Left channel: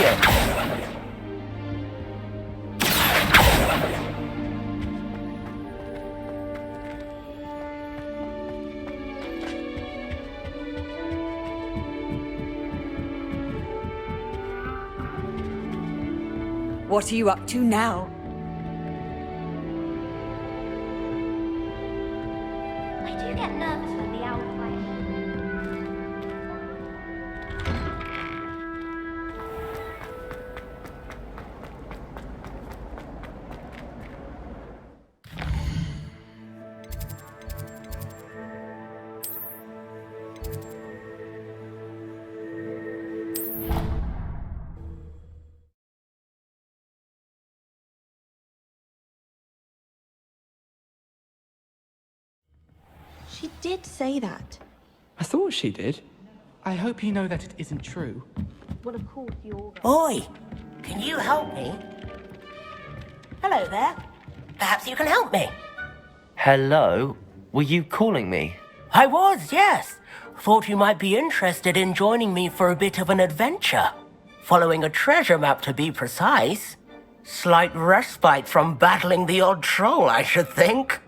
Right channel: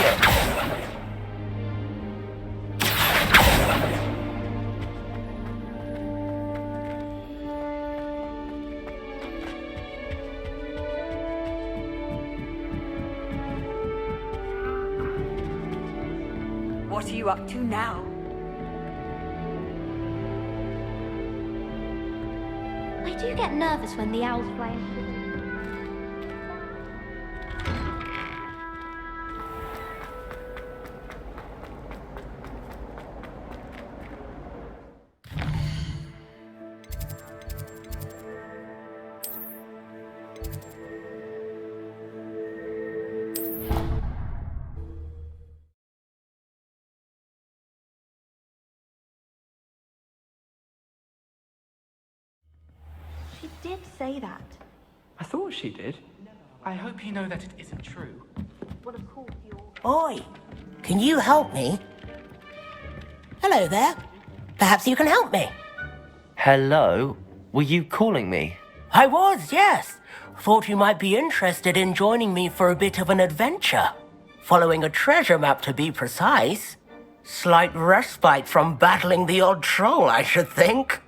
Revelio! What are you up to now? I do get nervous when the owls fly into the room. She did say that. I thought she did. I hope you know that it isn't true. Well, of course, you're... Boy, can you help me? Hello there. Perhaps you can help me. Hello? Were you calling me? I was, yes. Thought you might be interested in joining me for a bit of an adventure. Following a treasure map, to be precise. Slight respite from battling the odd troll, I should think.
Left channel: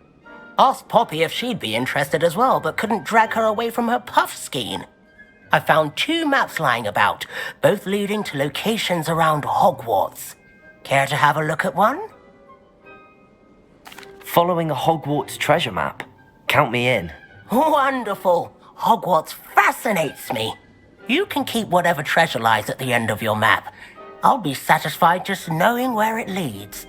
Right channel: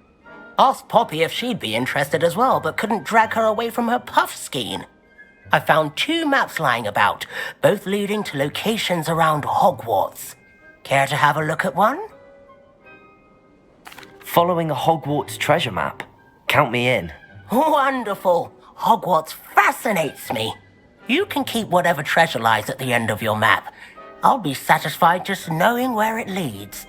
Asked Poppy if she'd be interested as well, but couldn't drag her away from her puff skein. I found 2 maps lying about, both leading to locations around Hogwarts. Care to have a look at one? Following a Hogwarts treasure map. Count me in. Wonderful. Hogwarts fascinates me. You can keep whatever treasure lies at the end of your map. I'll be satisfied just knowing where it leads.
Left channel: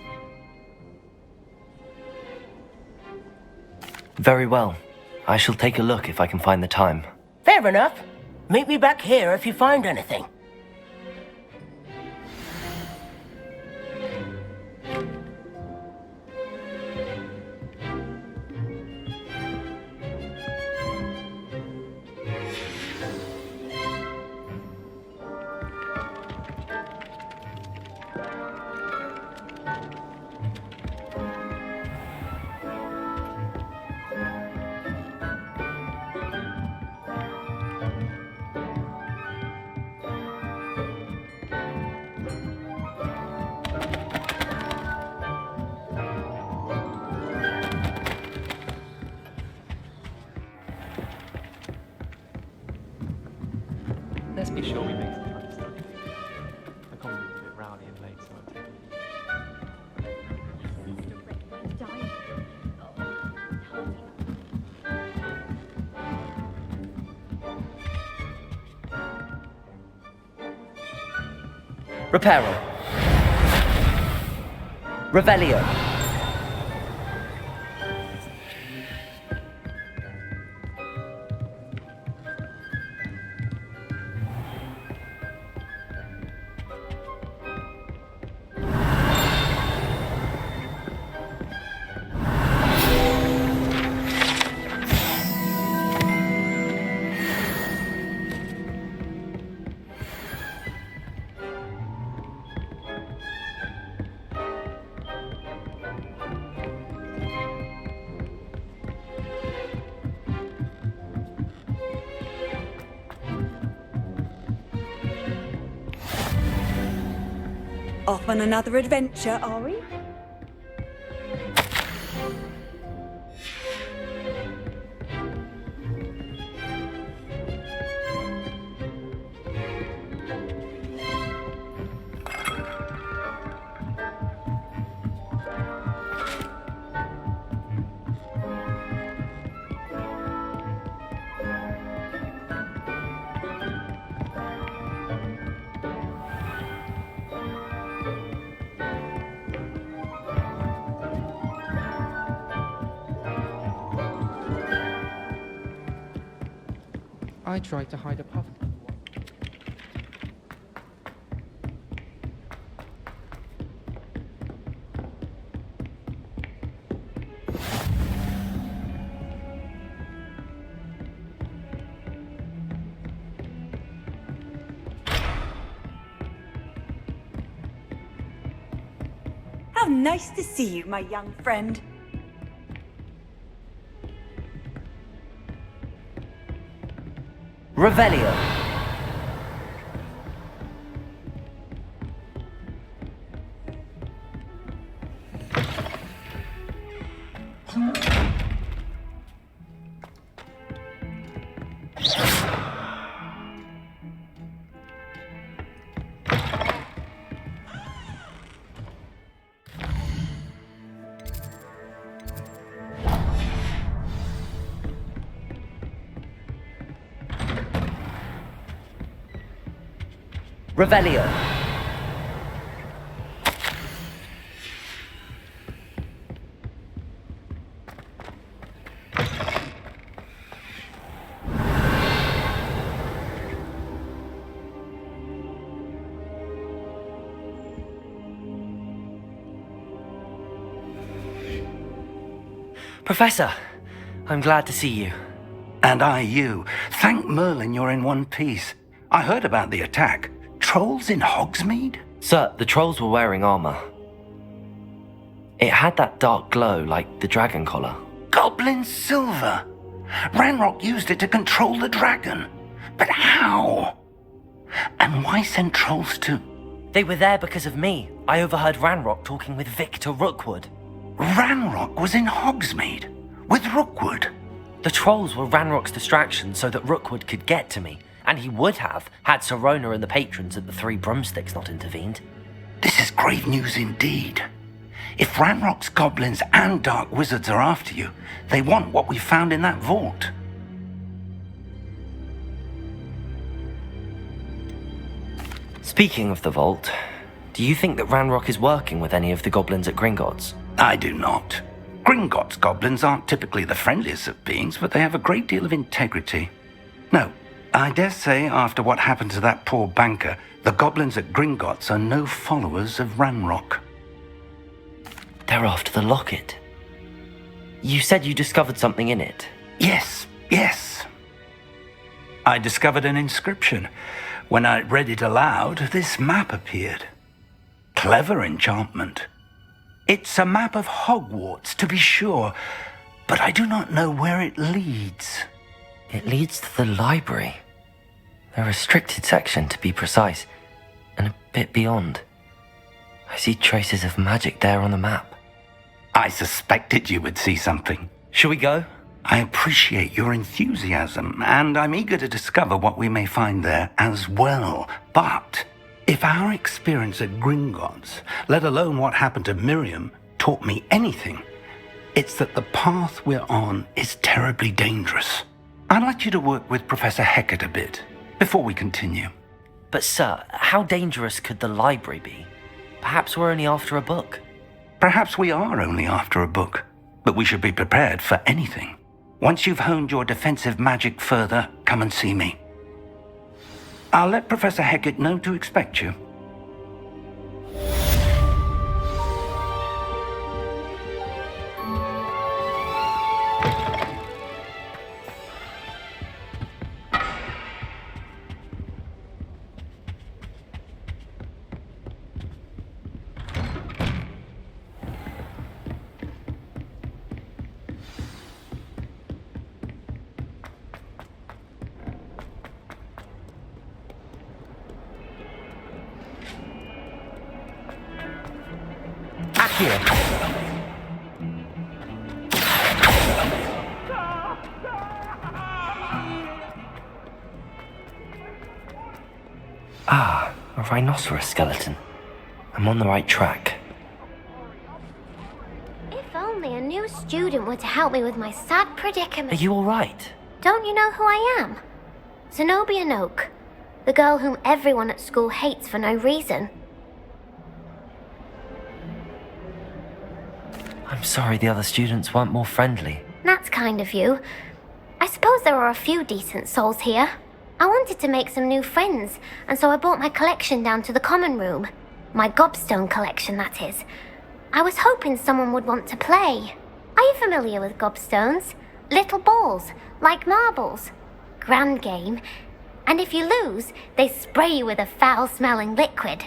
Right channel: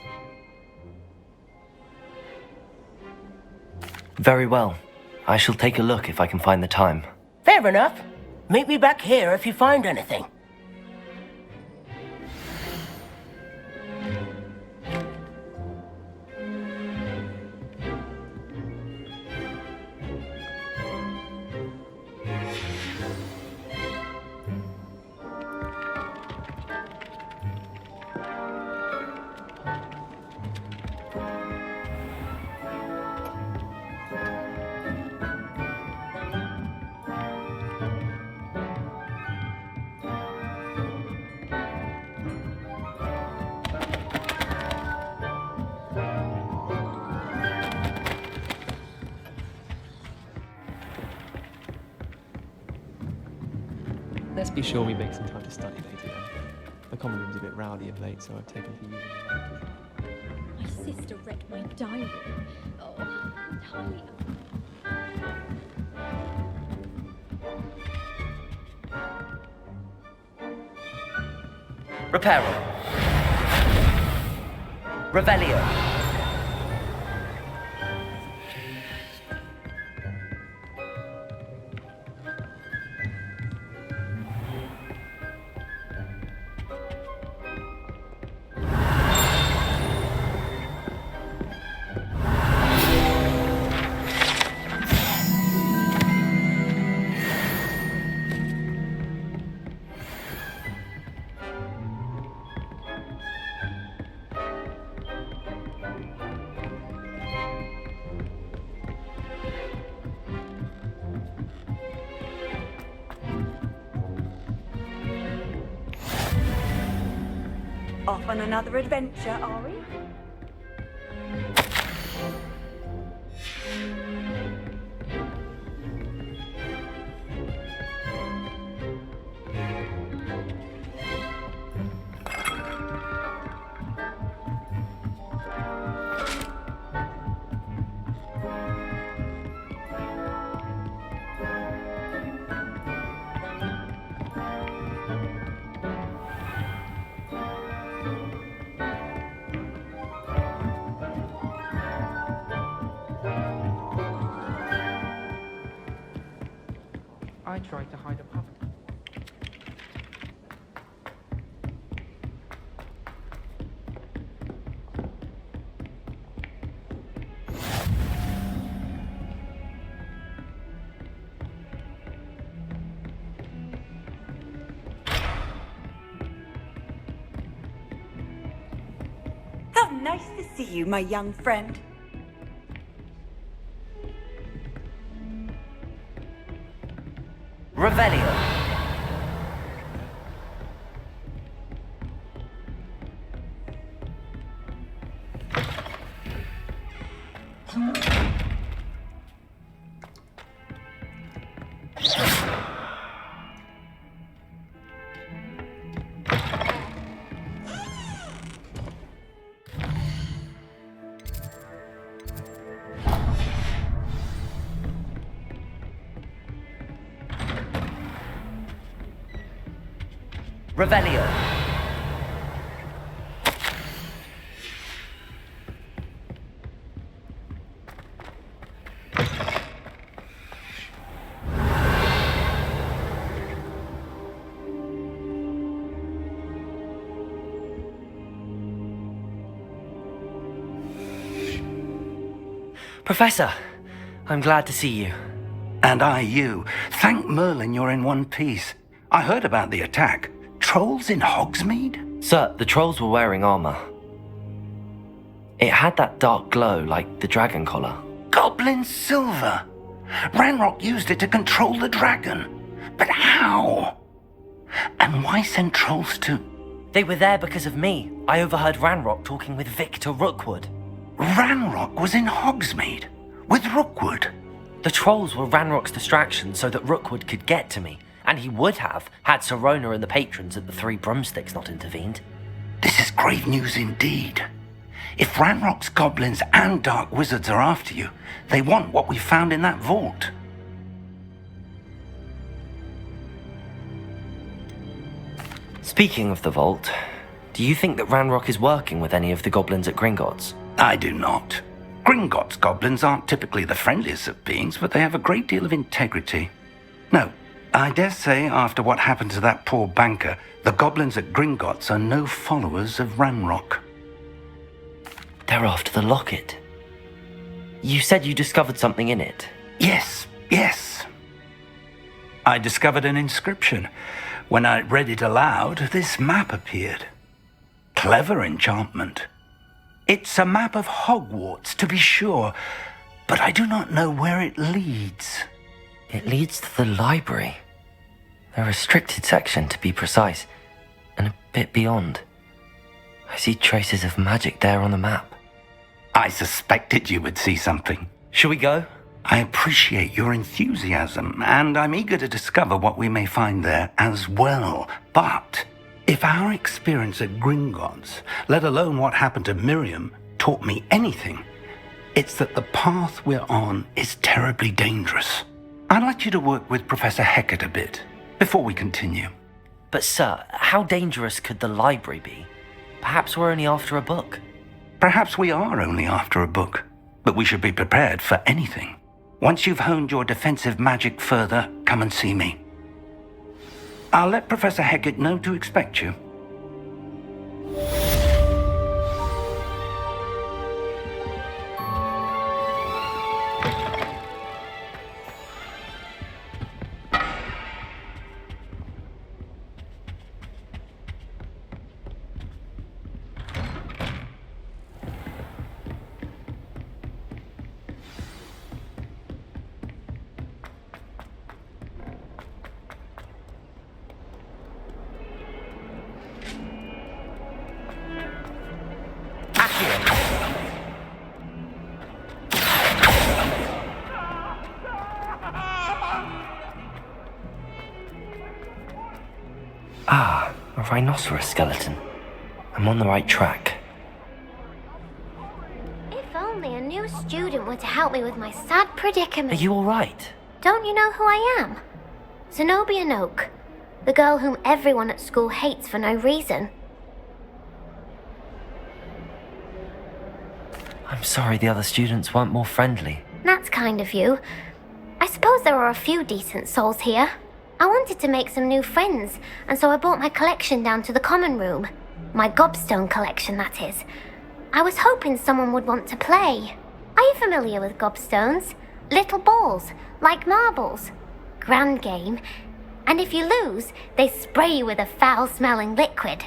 Very well. I shall take a look if I can find the time. Fair enough. Meet me back here if you find anything. Let's be sure we make some time to study later. The common room's a bit rowdy of late, so I've taken it for you. My sister read my diary. Oh, hardly. Reparo. Revelio. Off on another adventure, are we? I tried to hide a puff. How nice to see you, my young friend. Revelio. Revelio. Professor, I'm glad to see you. And I you. Thank Merlin you're in one piece. I heard about the attack. Trolls in Hogsmeade? Sir, the trolls were wearing armor. It had that dark glow like the dragon collar. Goblin silver. Ranrock used it to control the dragon. But how? And why send trolls to... They were there because of me. I overheard Ranrock talking with Victor Rookwood. Ranrock was in Hogsmeade? With Rookwood? The trolls were Ranrock's distraction so that Rookwood could get to me, and he would have had Sirona and the patrons at the Three Broomsticks not intervened. This is grave news indeed. If Ranrock's goblins and dark wizards are after you, they want what we found in that vault. Speaking of the vault, do you think that Ranrock is working with any of the goblins at Gringotts? I do not. Gringotts goblins aren't typically the friendliest of beings, but they have a great deal of integrity. No, I dare say after what happened to that poor banker, the goblins at Gringotts are no followers of Ranrock. They're after the locket. You said you discovered something in it. Yes. I discovered an inscription. When I read it aloud, this map appeared. Clever enchantment. It's a map of Hogwarts, to be sure, but I do not know where it leads. It leads to the library. A restricted section, to be precise, and a bit beyond. I see traces of magic there on the map. I suspected you would see something. Shall we go? I appreciate your enthusiasm, and I'm eager to discover what we may find there as well. But if our experience at Gringotts, let alone what happened to Miriam, taught me anything, it's that the path we're on is terribly dangerous. I'd like you to work with Professor Hecat a bit before we continue. But sir, how dangerous could the library be? Perhaps we're only after a book. Perhaps we are only after a book, but we should be prepared for anything. Once you've honed your defensive magic further, come and see me. I'll let Professor Hecat know to expect you. Ah, a rhinoceros skeleton. I'm on the right track. If only a new student were to help me with my sad predicament. Are you all right? Don't you know who I am? Zenobia Noak, the girl whom everyone at school hates for no reason. I'm sorry the other students weren't more friendly. That's kind of you. I suppose there are a few decent souls here. I wanted to make some new friends, and so I brought my collection down to the common room. My gobstone collection, that is. I was hoping someone would want to play. Are you familiar with gobstones? Little balls, like marbles. Grand game. And if you lose, they spray you with a foul-smelling liquid.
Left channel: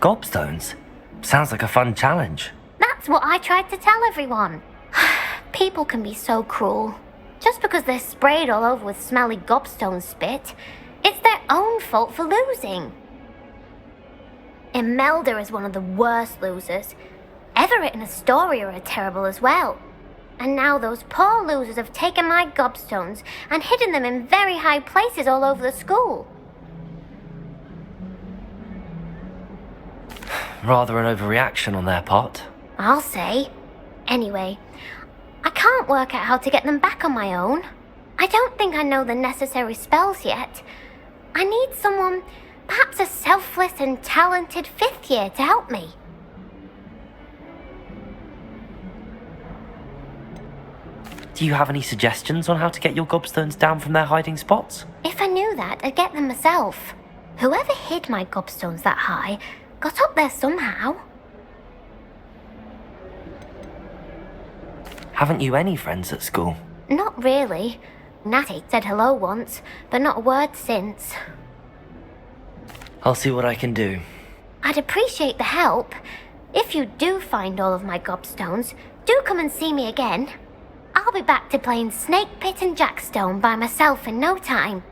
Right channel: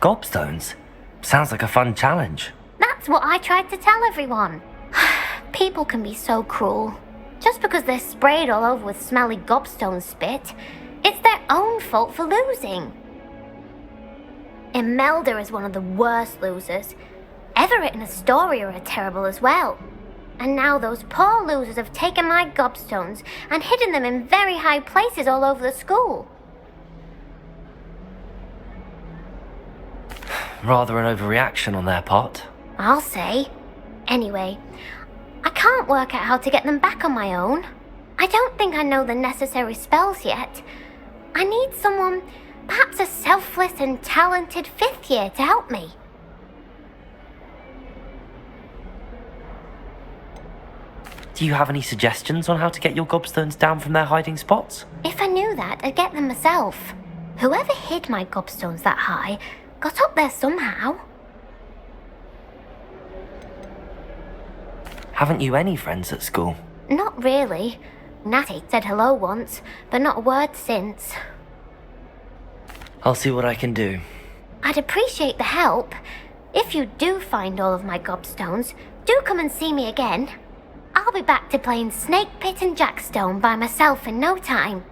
Gobstones? Sounds like a fun challenge. That's what I tried to tell everyone. People can be so cruel. Just because they're sprayed all over with smelly gobstone spit, it's their own fault for losing. Imelda is one of the worst losers. Everett and Astoria are terrible as well. And now those poor losers have taken my gobstones and hidden them in very high places all over the school. Rather an overreaction on their part. I'll say. Anyway, I can't work out how to get them back on my own. I don't think I know the necessary spells yet. I need someone, perhaps a selfless and talented 5th year to help me. Do you have any suggestions on how to get your gobstones down from their hiding spots? If I knew that, I'd get them myself. Whoever hid my gobstones that high got up there somehow. Haven't you any friends at school? Not really. Natty said hello once, but not a word since. I'll see what I can do. I'd appreciate the help. If you do find all of my gobstones, do come and see me again. I'll be back to playing Snake Pit and Jackstone by myself in no time.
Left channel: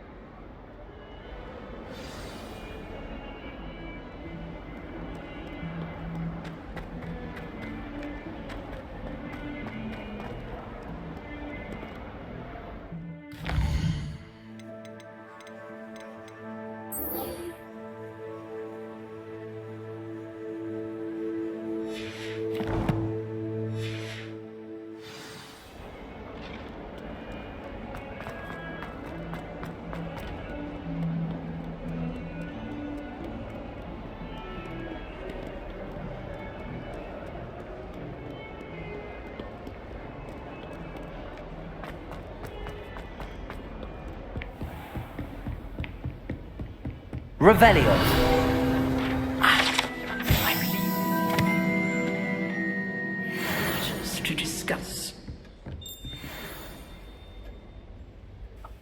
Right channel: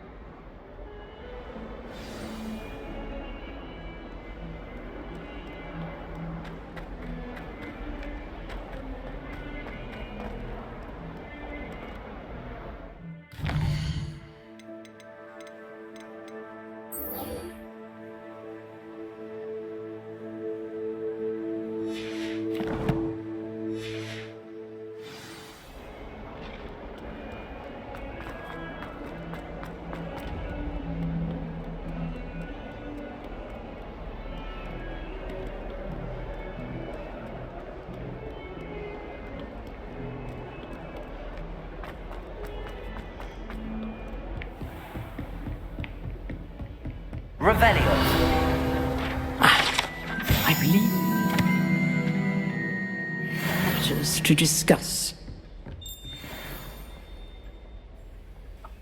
Revelio. I believe. Matters to discuss.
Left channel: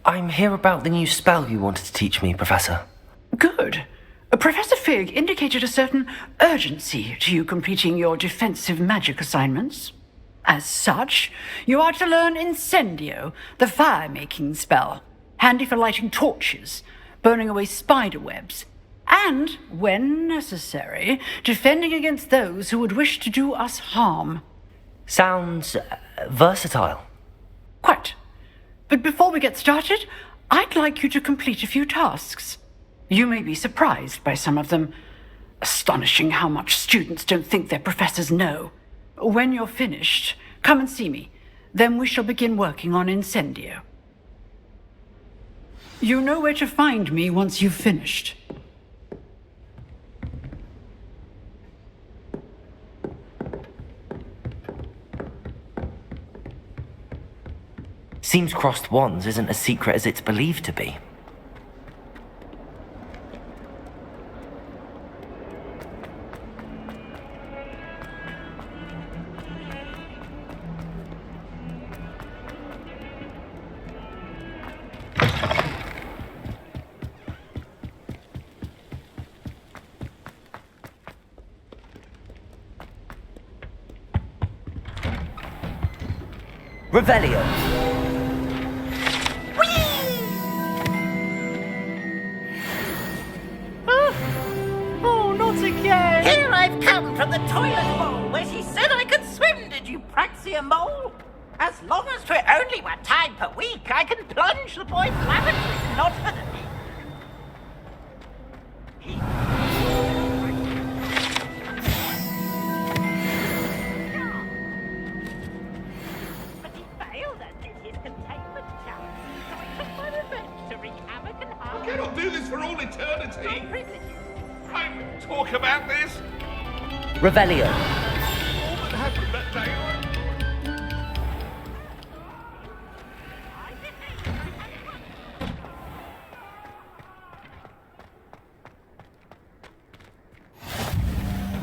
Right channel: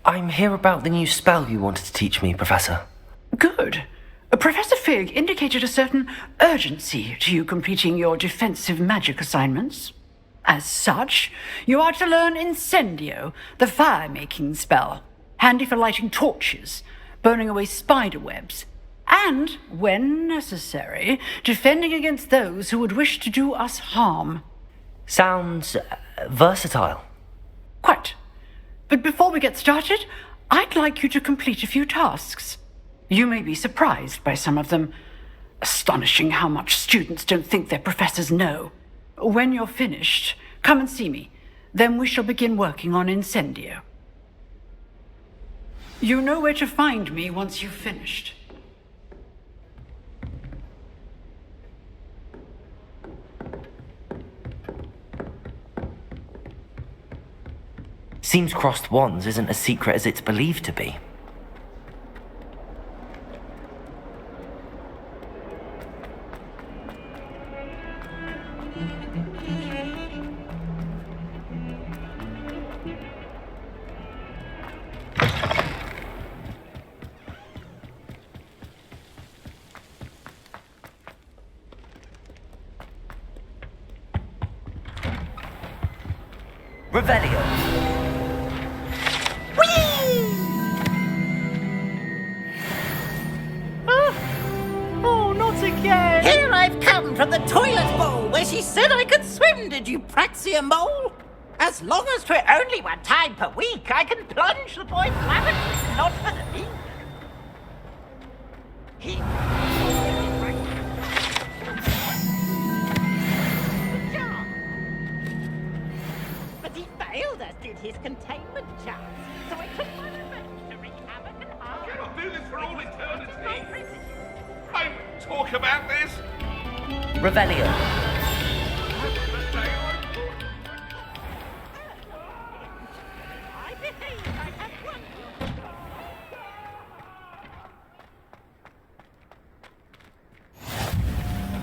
I'm here about the new spell you wanted to teach me, Professor. Good. Professor Fig indicated a certain urgency to you completing your defensive magic assignments. As such, you are to learn Incendio, the fire-making spell, handy for lighting torches, burning away spider webs, and, when necessary, defending against those who would wish to do us harm. Sounds versatile. Quite. But before we get started, I'd like you to complete a few tasks. You may be surprised by some of them. Astonishing how much students don't think their professors know. When you're finished, come and see me. Then we shall begin working on Incendio. You know where to find me once you've finished. Seems crossed wands isn't as secret as it's believed to be. Revelio. Oh, not again! Here I've come from the toilet bowl where she said I could swim, did you praxia mole? As long as 'twere only one time per week, I can plunge the boy's lavatory, not for the... But he failed us in his containment challenge, so I took my revenge to wreak havoc and harm. I cannot do this for all eternity. I talk about this. Revelio.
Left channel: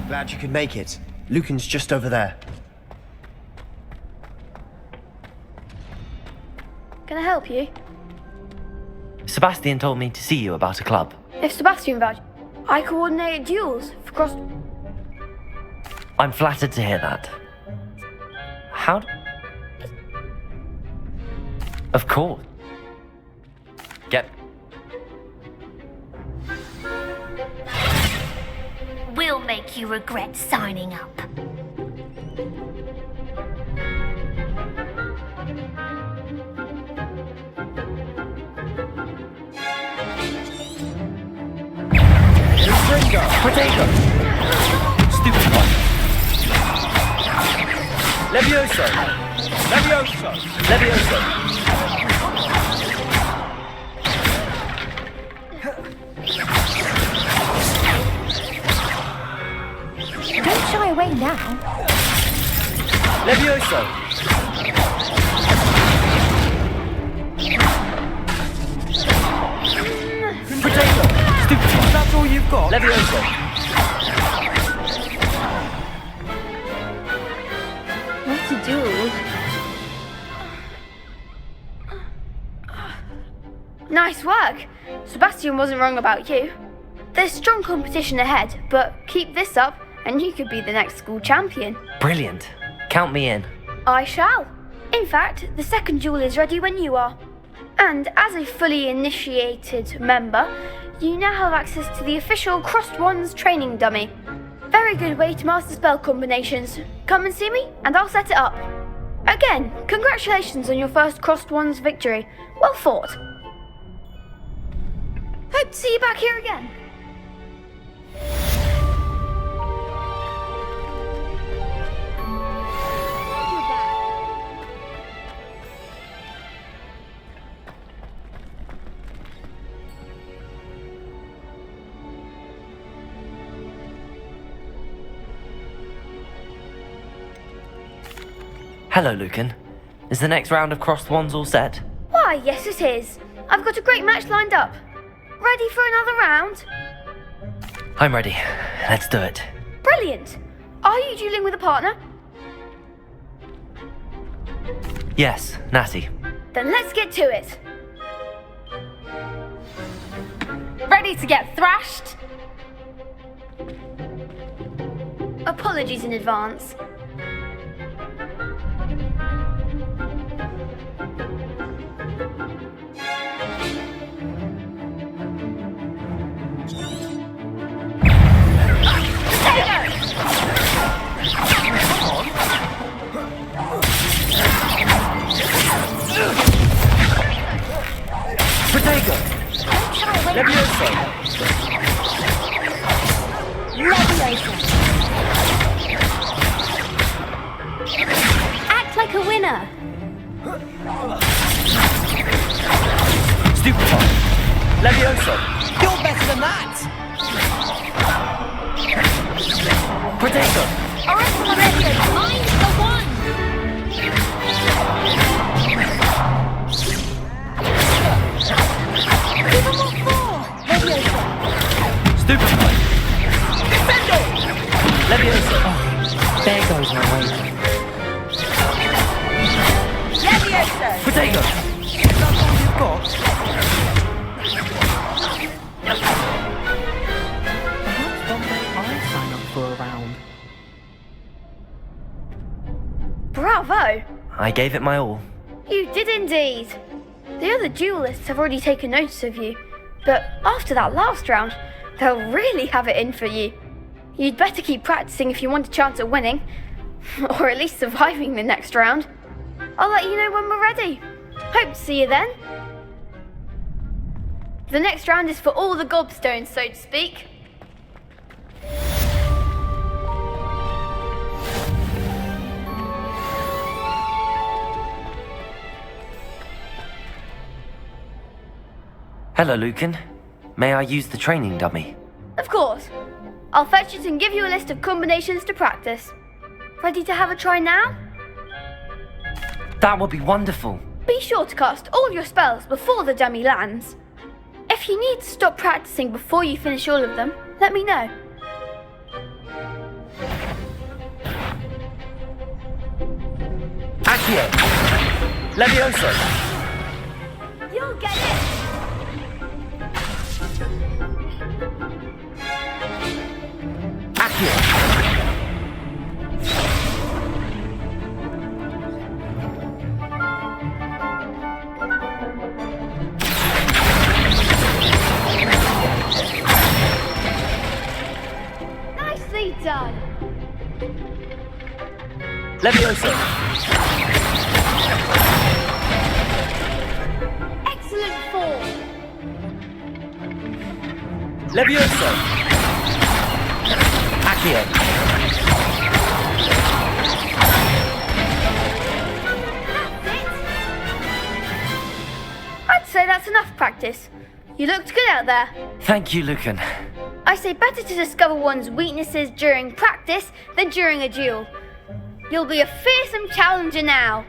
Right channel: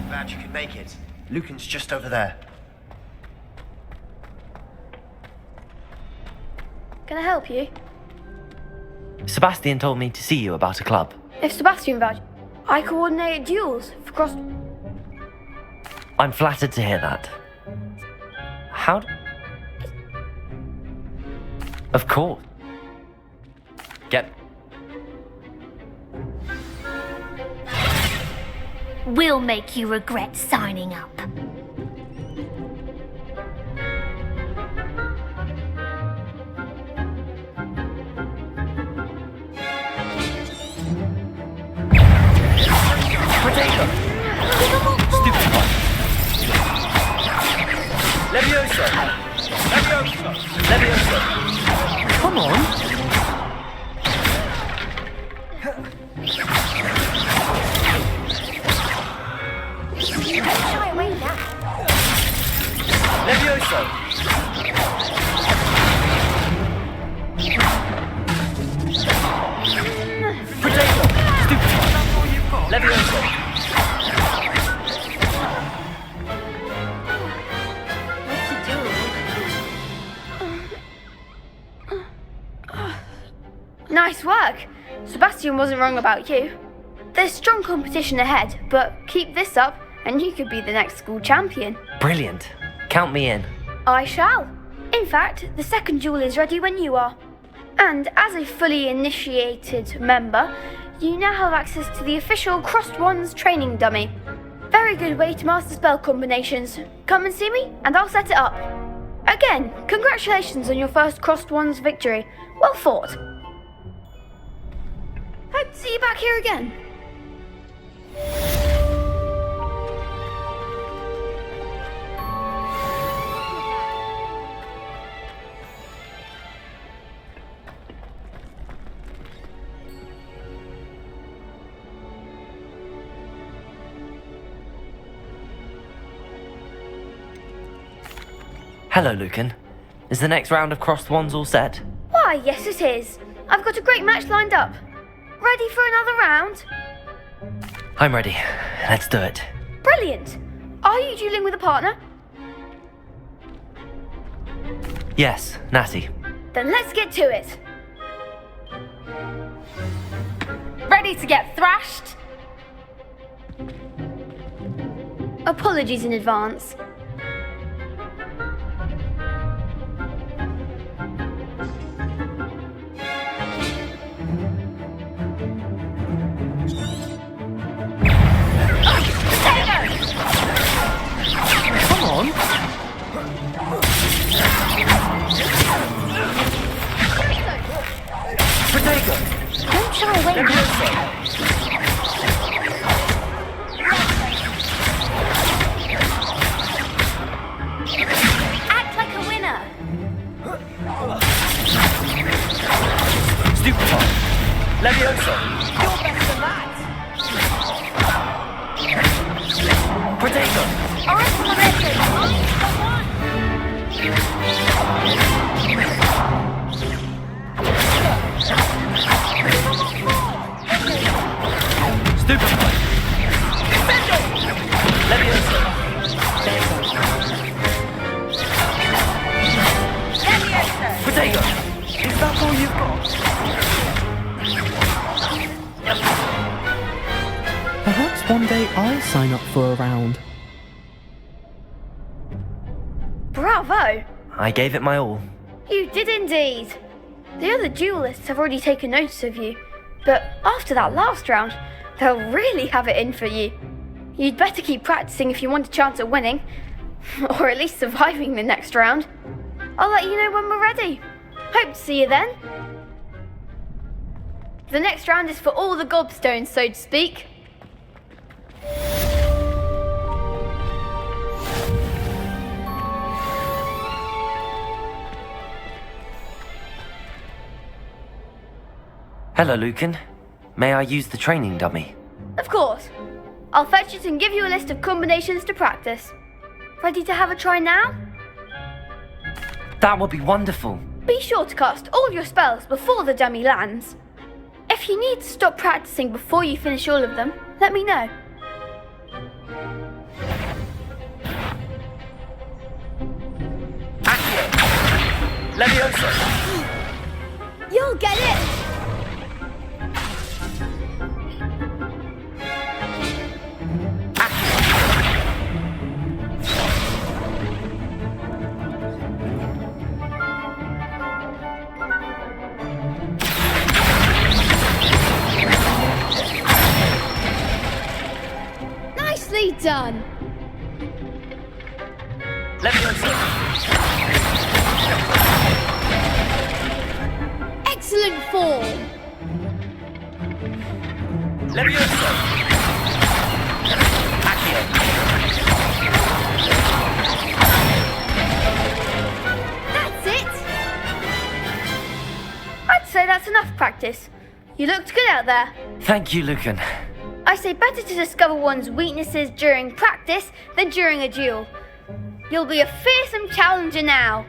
Glad you could make it. Lucan's just over there. Can I help you? Sebastian told me to see you about a club. If Sebastian vouches, I coordinate duels for crossed. I'm flattered to hear that. How d- Of course. Get... We'll make you regret signing up. Potato! Stupid one! Levioso! Levioso! Levioso! Come on! Don't shy away now. Levioso! Potato! Stupid one! That's all you've got? Levioso! What to do? Nice work. Sebastian wasn't wrong about you. There's strong competition ahead, but keep this up and you could be the next school champion. Brilliant. Count me in. I shall. In fact, the second duel is ready when you are. And as a fully initiated member, you now have access to the official Crossed Wands training dummy. Very good way to master spell combinations. Come and see me, and I'll set it up. Again, congratulations on your first Crossed Wands victory. Well fought. Hope to see you back here again. Hello, Lucan. Is the next round of Crossed Wands all set? Why, yes it is. I've got a great match lined up. Ready for another round? I'm ready. Let's do it. Brilliant. Are you dueling with a partner? Yes, Natty. Then let's get to it. Ready to get thrashed? Apologies in advance. Potato! Don't shy away now. Act like a winner. Stupid one! Levioso! Potato! Stupid one! Levioso! Potato! Perhaps one day I'll sign up for a round. Bravo! I gave it my all. You did indeed. The other duelists have already taken notice of you, but after that last round, they'll really have it in for you. You'd better keep practicing if you want a chance at winning, or at least surviving the next round. I'll let you know when we're ready. Hope to see you then. The next round is for all the gobstones, so to speak. Hello, Lucan. May I use the training dummy? Of course. I'll fetch it and give you a list of combinations to practice. Ready to have a try now? That would be wonderful. Be sure to cast all your spells before the dummy lands. If you need to stop practicing before you finish all of them, let me know. Accio! Levioso! You'll get it! Levioso! Excellent form! Levioso! Accio! That's it! I'd say that's enough practice. You looked good out there. Thank you, Lucan. I say better to discover one's weaknesses during practice than during a duel. You'll be a fearsome challenger now.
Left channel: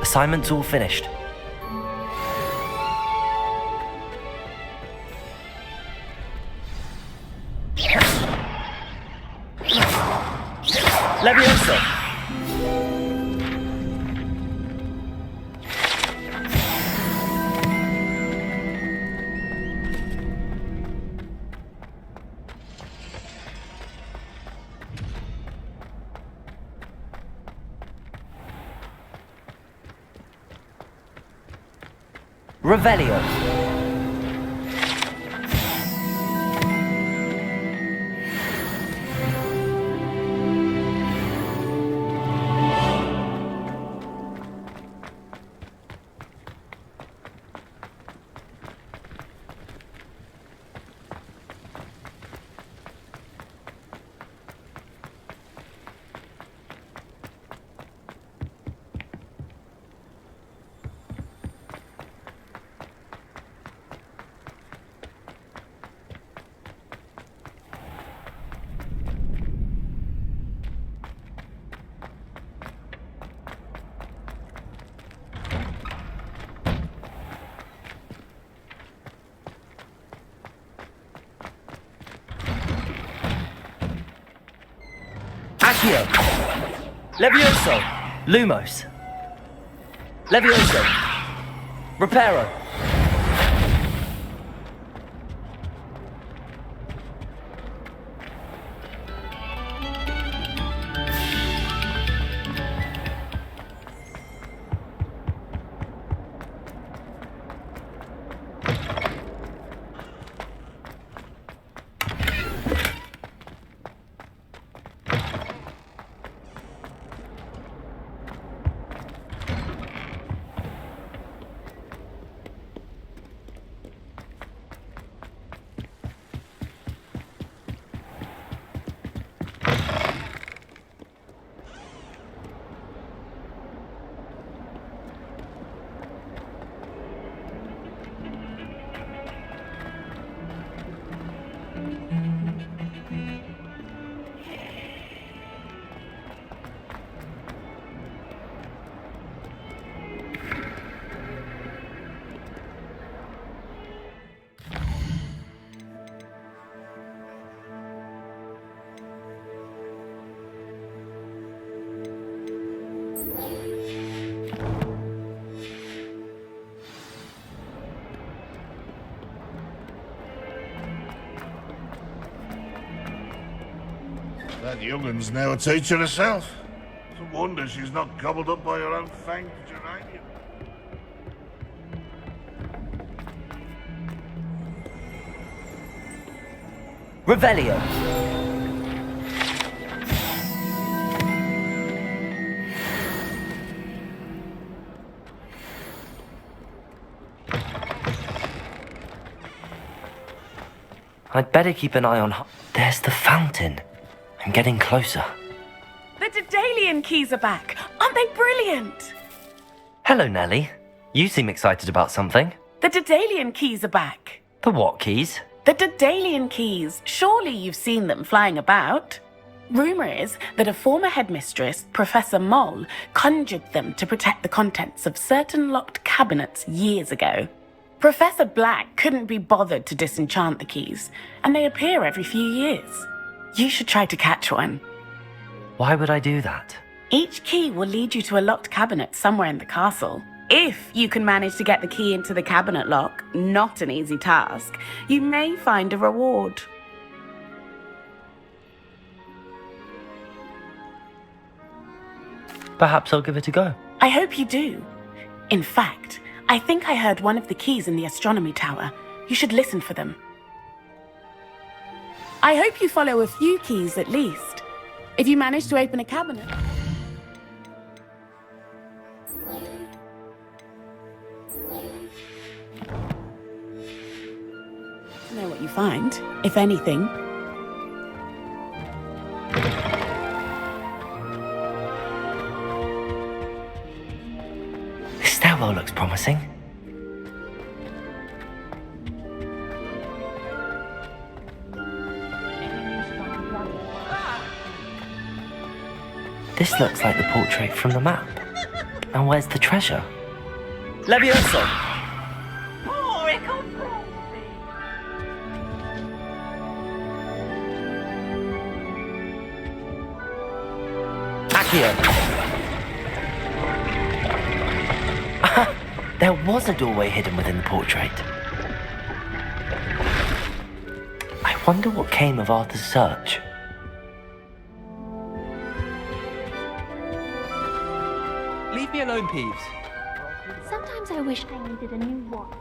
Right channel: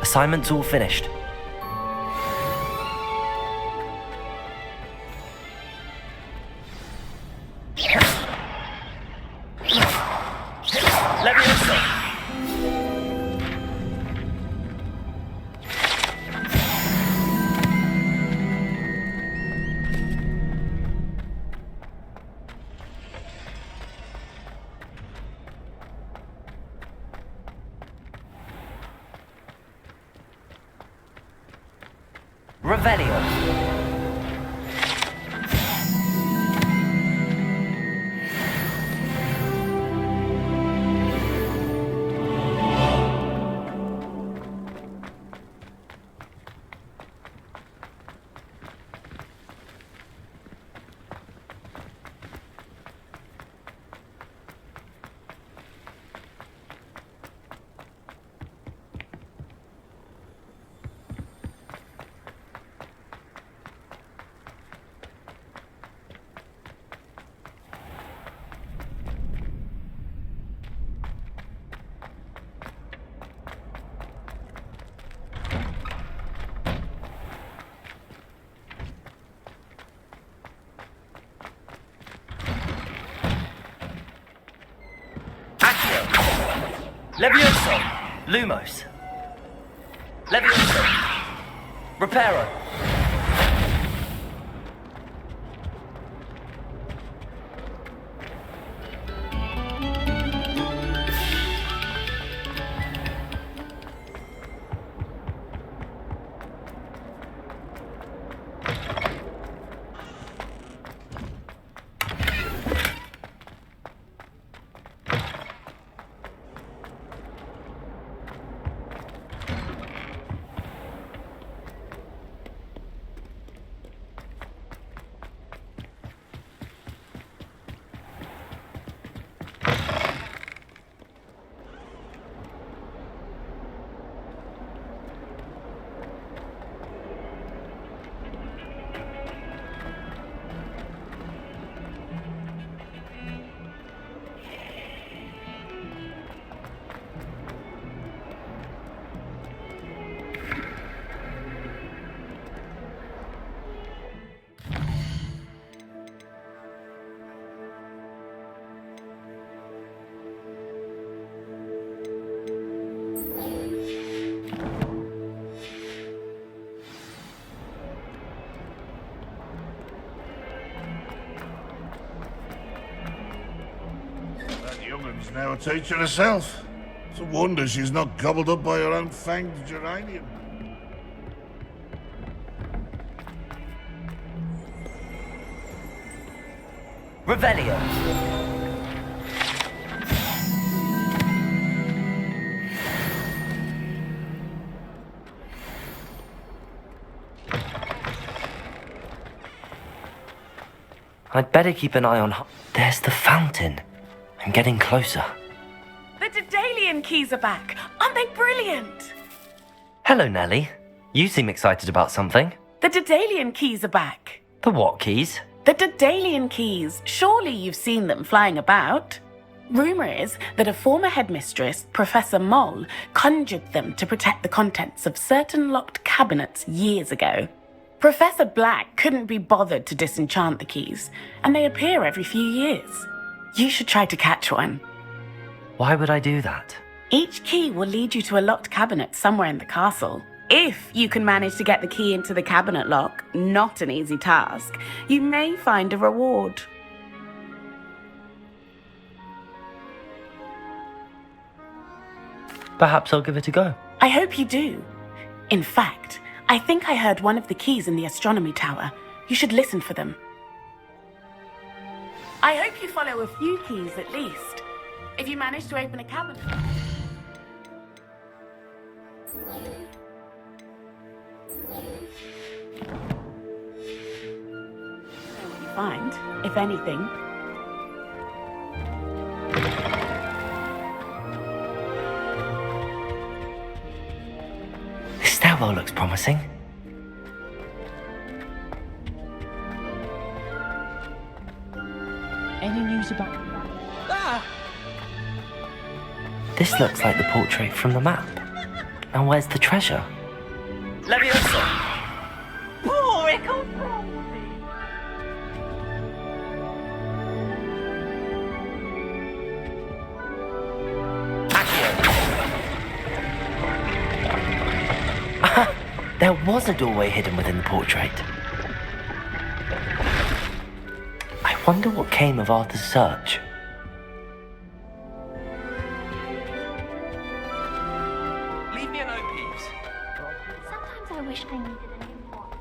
Assignment's all finished. Levioso! Revelio. Accio! Levioso! Lumos! Levioso! Reparo! Youngin's now a teacher herself. It's a wonder she's not gobbled up by her own fanged geranium. Revelio. I'd better keep an eye on... There's the fountain. I'm getting closer. The Daedalian keys are back. Aren't they brilliant? Hello, Nellie. You seem excited about something. The Daedalian keys are back. The what keys? The Daedalian keys. Surely you've seen them flying about. Rumour is that a former headmistress, Professor Moll, conjured them to protect the contents of certain locked cabinets years ago. Professor Black couldn't be bothered to disenchant the keys, and they appear every few years. You should try to catch one. Why would I do that? Each key will lead you to a locked cabinet somewhere in the castle. If you can manage to get the key into the cabinet lock, not an easy task, you may find a reward. Perhaps I'll give it a go. I hope you do. In fact, I think I heard one of the keys in the astronomy tower. You should listen for them. I hope you follow a few keys at least. If you manage to open a cabinet... know what you find, if anything. This stairwell looks promising. Any news about the rabbit? This looks like the portrait from the map. Now where's the treasure? Levioso! Oh, comprende. Accio! There was a doorway hidden within the portrait. I wonder what came of Arthur's search. Leave me alone, Peeves. Sometimes I wish I needed a new watch.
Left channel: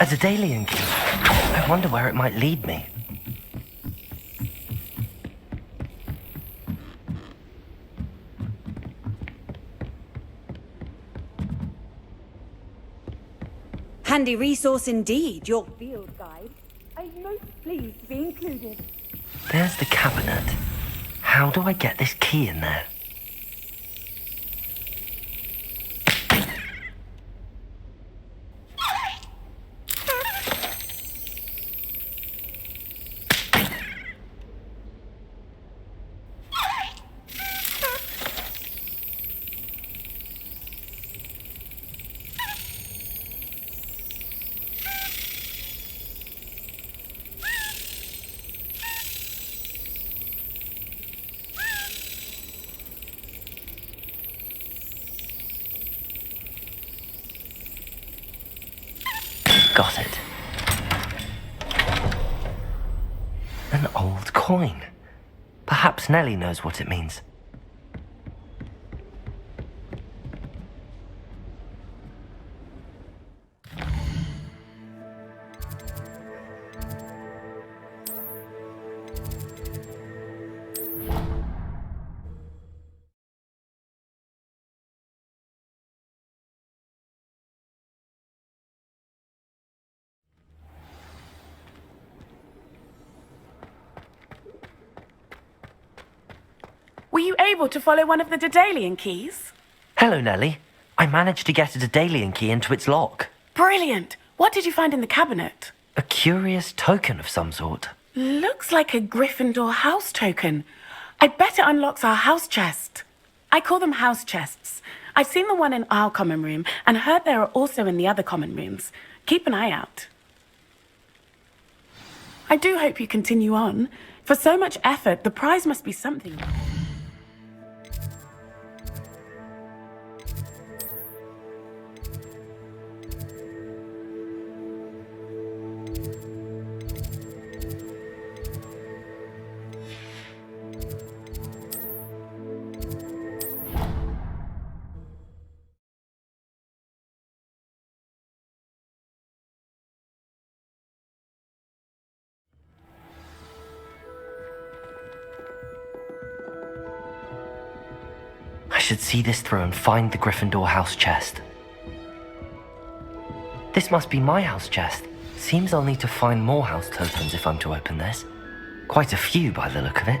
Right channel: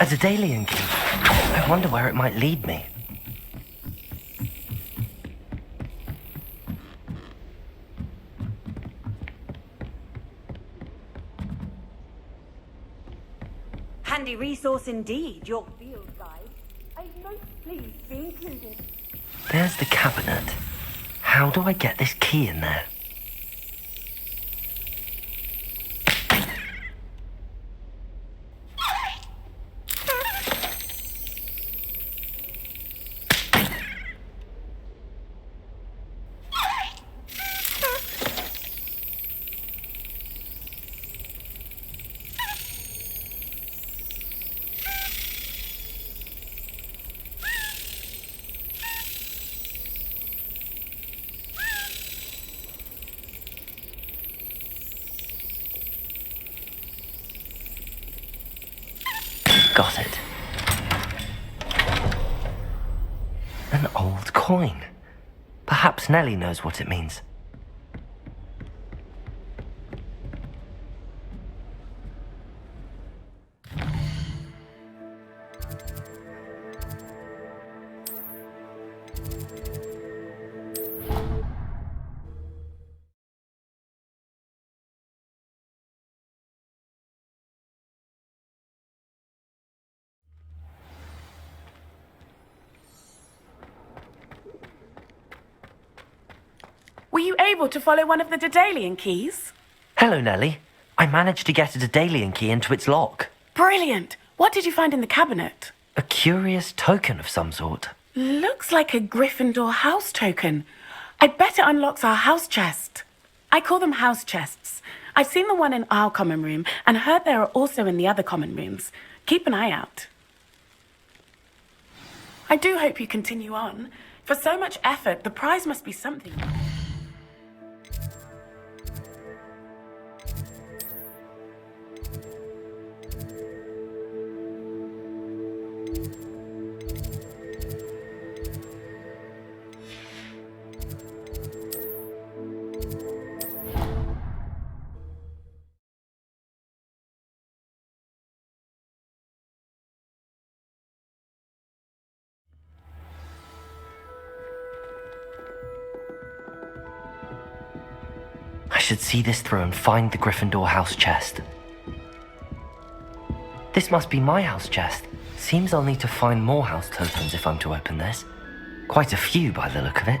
A Daedalian key. I wonder where it might lead me. Handy resource indeed, your field guide. I'm most pleased to be included. There's the cabinet. How do I get this key in there? Got it. An old coin. Perhaps Nellie knows what it means. Were you able to follow one of the Daedalian keys? Hello, Nellie. I managed to get a Daedalian key into its lock. Brilliant! What did you find in the cabinet? A curious token of some sort. Looks like a Gryffindor house token. I bet it unlocks our house chest. I call them house chests. I've seen the one in our common room and heard there are also in the other common rooms. Keep an eye out. I do hope you continue on. For so much effort, the prize must be something. I should see this through and find the Gryffindor house chest. This must be my house chest. Seems I'll need to find more house tokens if I'm to open this. Quite a few by the look of it.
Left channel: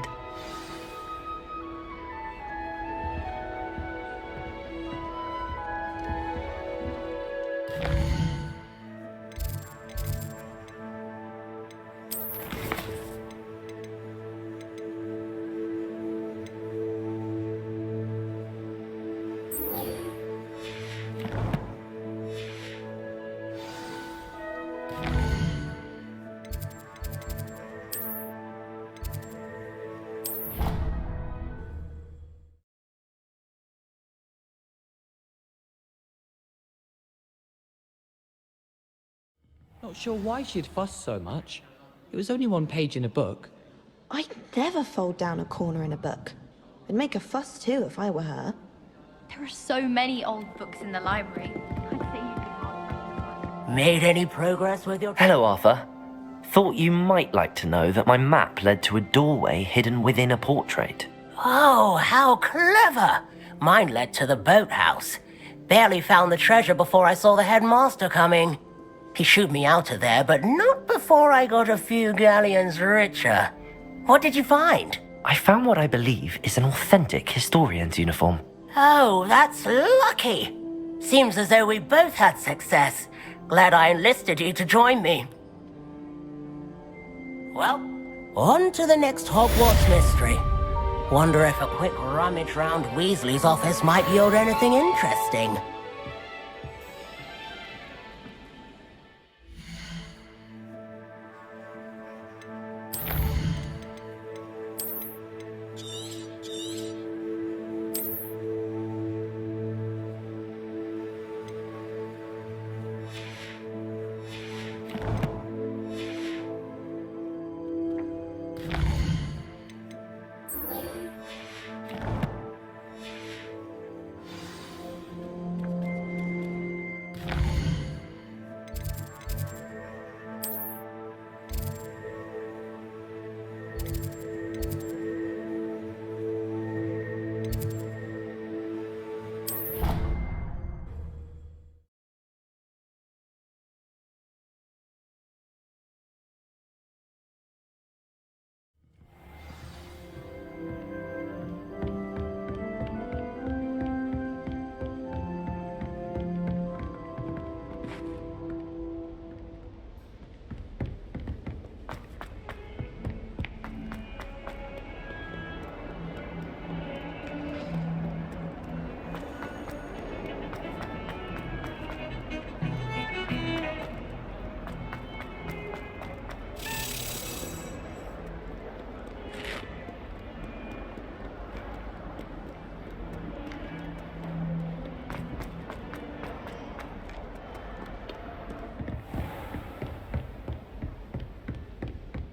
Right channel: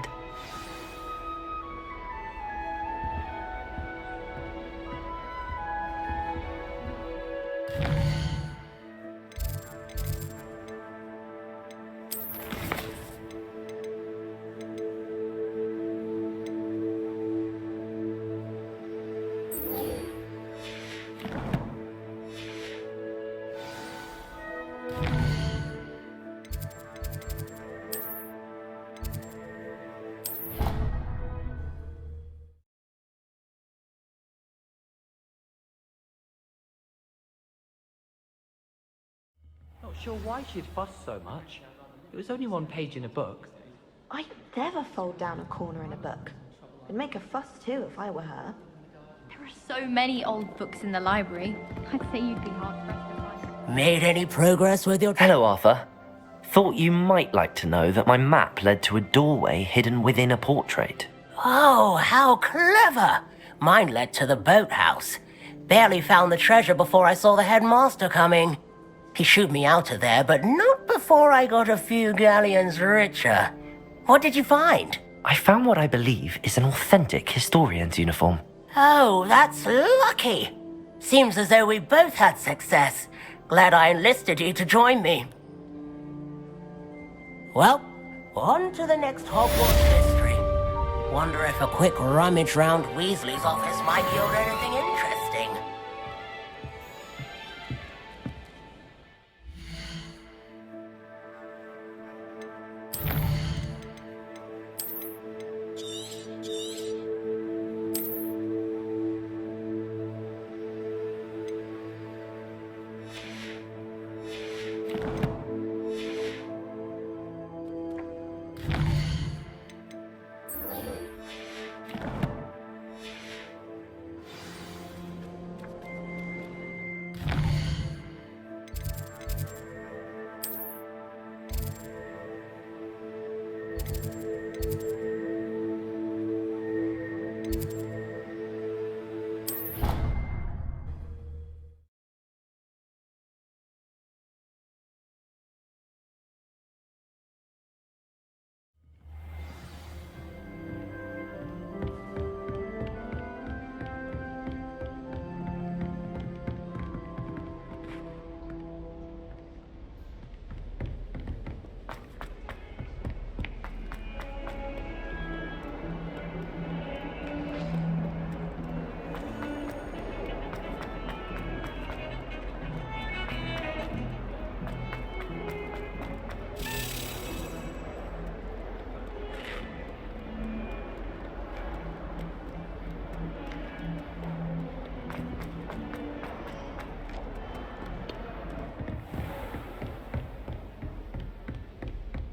sure why she'd fuss so much. It was only one page in a book. I'd never fold down a corner in a book. I'd make a fuss too if I were her. There are so many old books in the library. I'd say you'd be hard. Made any progress with your... Hello, Arthur. Thought you might like to know that my map led to a doorway hidden within a portrait. Oh, how clever! Mine led to the boathouse. Barely found the treasure before I saw the headmaster coming. He shooed me out of there, but not before I got a few galleons richer. What did you find? I found what I believe is an authentic historian's uniform. Oh, that's lucky. Seems as though we both had success. Glad I enlisted you to join me. Well, on to the next Hogwarts mystery. Wonder if a quick rummage round Weasley's office might yield anything interesting.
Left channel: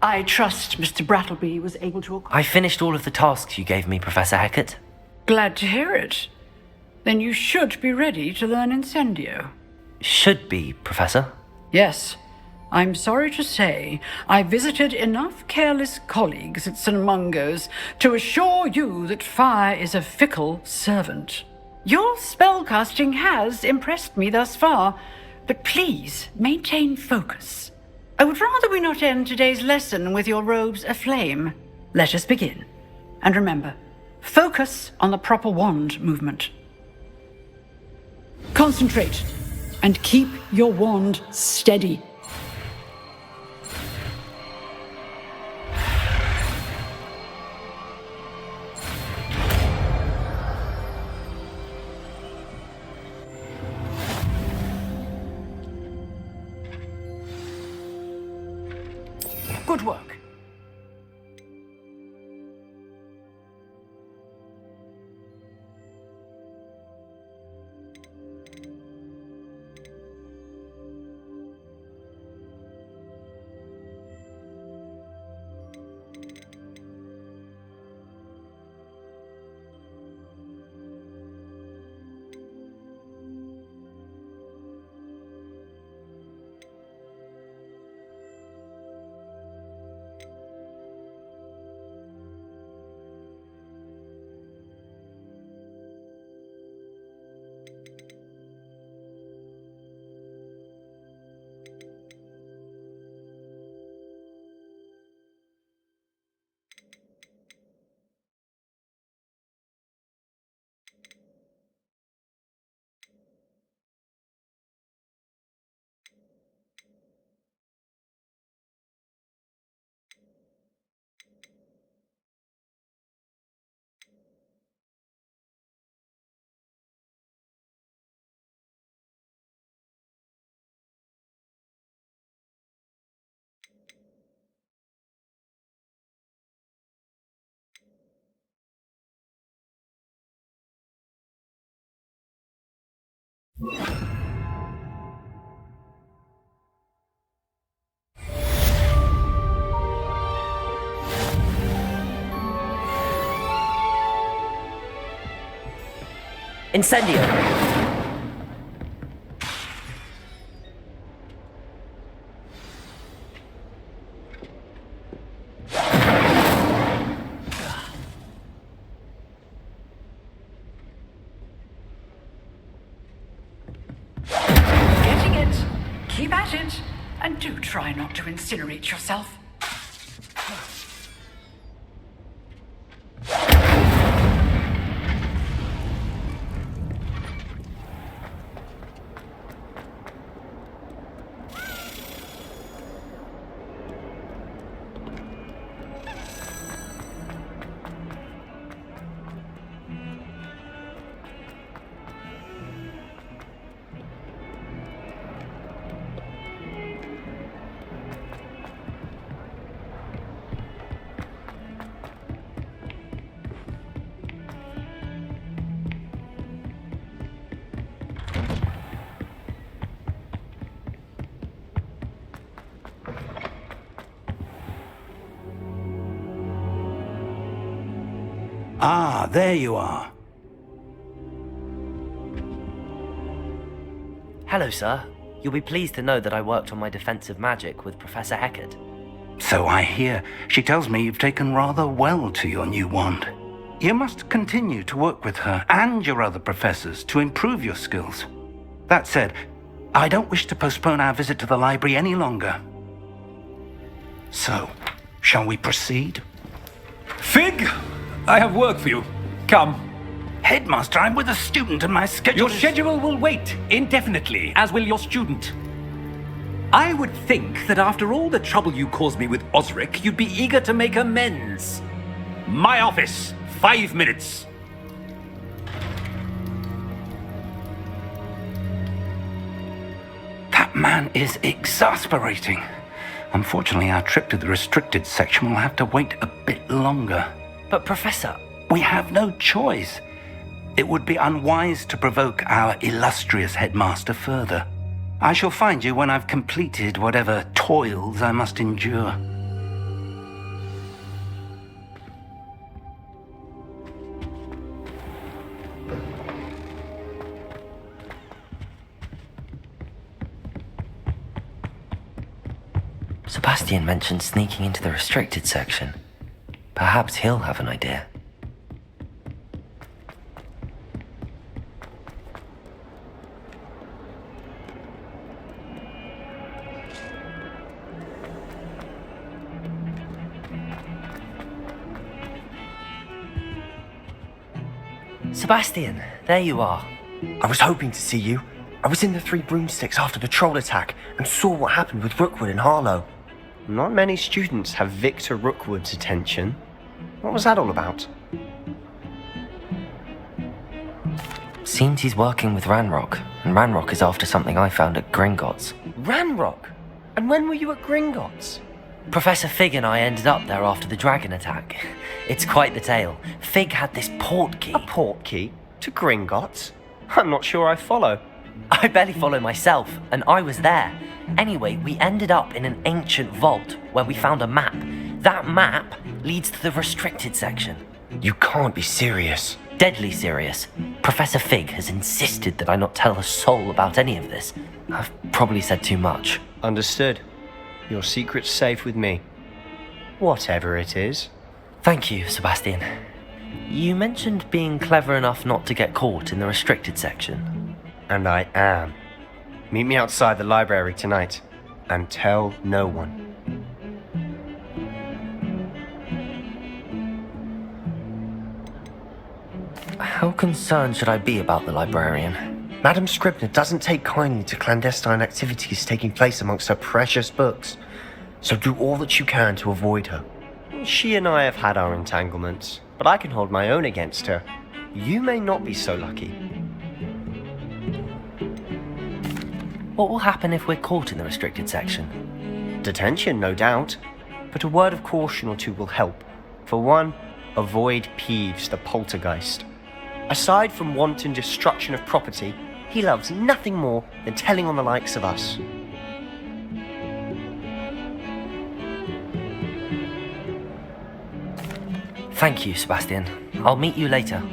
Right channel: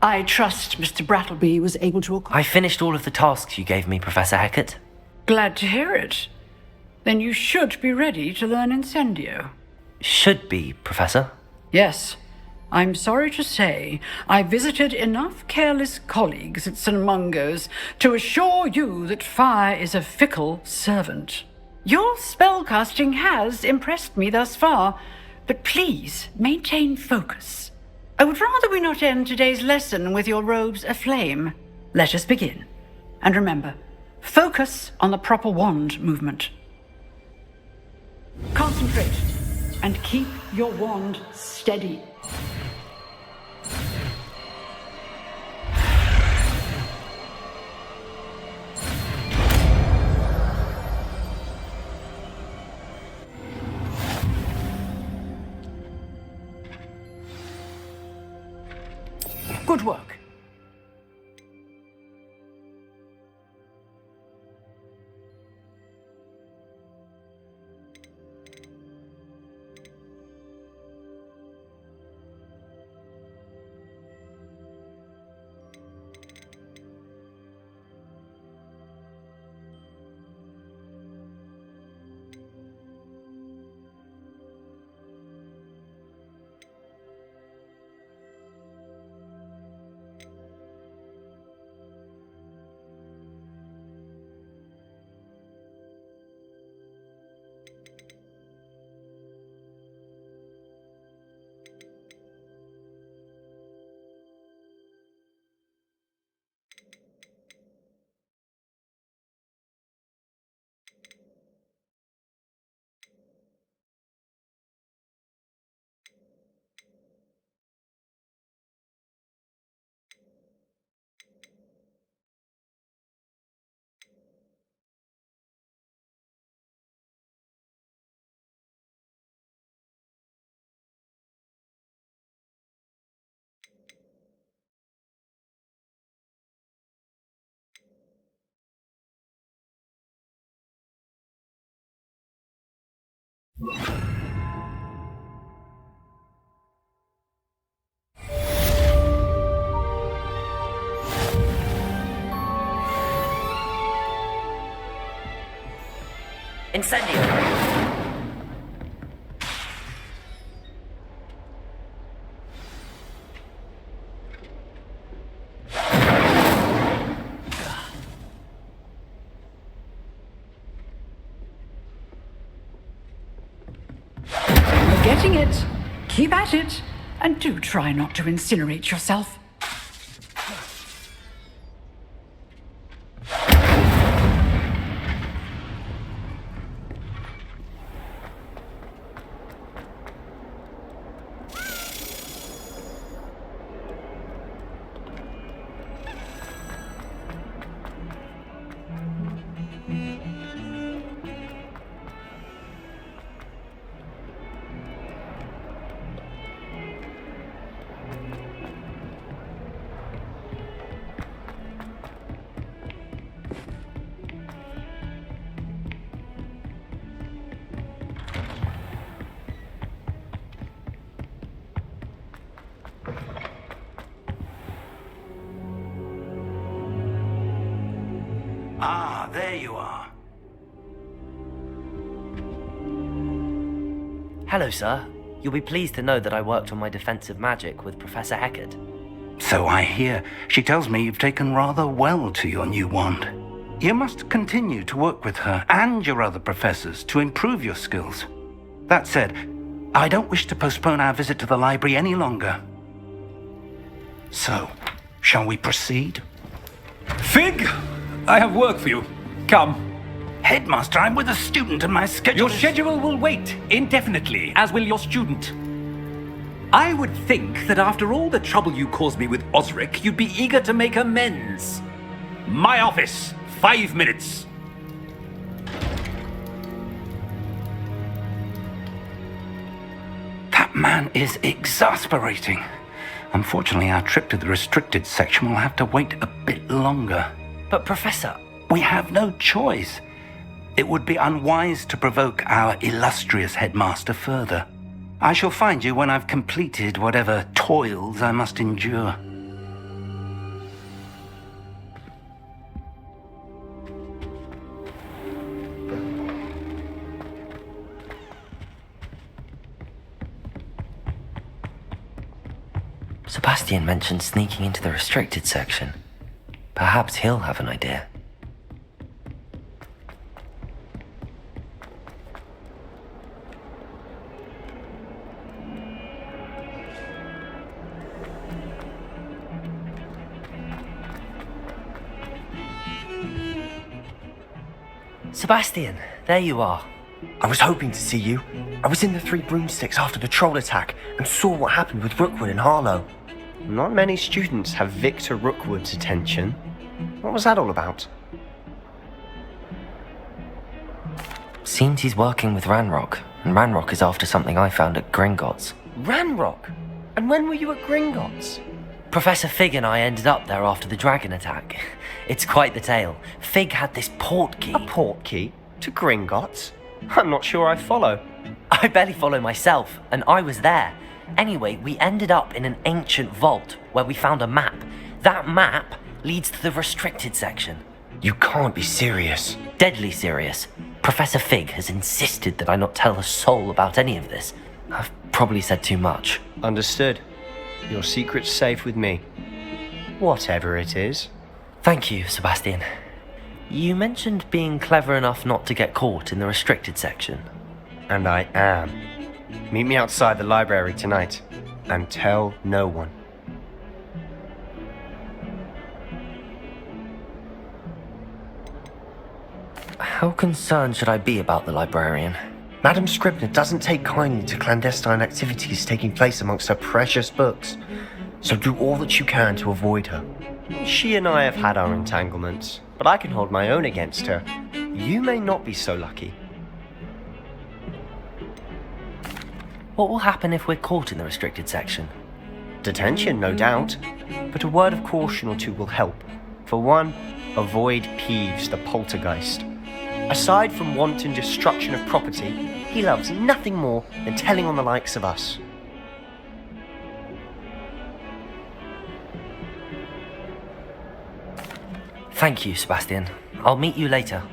I trust Mr. Brattleby was able to... I finished all of the tasks you gave me, Professor Hecat. Glad to hear it. Then you should be ready to learn Incendio. Should be, Professor. Yes. I'm sorry to say, I visited enough careless colleagues at St. Mungo's to assure you that fire is a fickle servant. Your spellcasting has impressed me thus far, but please maintain focus. I would rather we not end today's lesson with your robes aflame. Let us begin. And remember, focus on the proper wand movement. Concentrate and keep your wand steady. Good work. Incendio! Getting it. Keep at it. And do try not to incinerate yourself. Ah, there you are. Hello, sir. You'll be pleased to know that I worked on my defensive magic with Professor Heckard. So I hear. She tells me you've taken rather well to your new wand. You must continue to work with her and your other professors to improve your skills. That said, I don't wish to postpone our visit to the library any longer. So, shall we proceed? Fig! I have work for you. Come. Headmaster, I'm with a student and my schedule Your schedule will wait indefinitely, as will your student. I would think that after all the trouble you caused me with Osric, you'd be eager to make amends. My office, 5 minutes. That man is exasperating. Unfortunately, our trip to the restricted section will have to wait a bit longer. But, Professor... We have no choice. It would be unwise to provoke our illustrious headmaster further. I shall find you when I've completed whatever toils I must endure. Sebastian mentioned sneaking into the restricted section. Perhaps he'll have an idea. Sebastian, there you are. I was hoping to see you. I was in the Three Broomsticks after the troll attack and saw what happened with Rookwood and Harlow. Not many students have Victor Rookwood's attention. What was that all about? Seems he's working with Ranrock, and Ranrock is after something I found at Gringotts. Ranrock? And when were you at Gringotts? Professor Fig and I ended up there after the dragon attack. It's quite the tale. Fig had this port key. A port key? To Gringotts? I'm not sure I follow. I barely follow myself, and I was there. Anyway, we ended up in an ancient vault where we found a map. That map leads to the restricted section. You can't be serious. Deadly serious. Professor Fig has insisted that I not tell a soul about any of this. I've probably said too much. Understood. Your secret's safe with me. Whatever it is. Thank you, Sebastian. You mentioned being clever enough not to get caught in the restricted section. And I am. Meet me outside the library tonight, and tell no one. How concerned should I be about the librarian? Madam Scribner doesn't take kindly to clandestine activities taking place amongst her precious books, so do all that you can to avoid her. She and I have had our entanglements, but I can hold my own against her. You may not be so lucky. What will happen if we're caught in the restricted section? Detention, no doubt, but a word of caution or two will help. For one, avoid Peeves, the poltergeist. Aside from wanton destruction of property, he loves nothing more than telling on the likes of us. Thank you, Sebastian. I'll meet you later.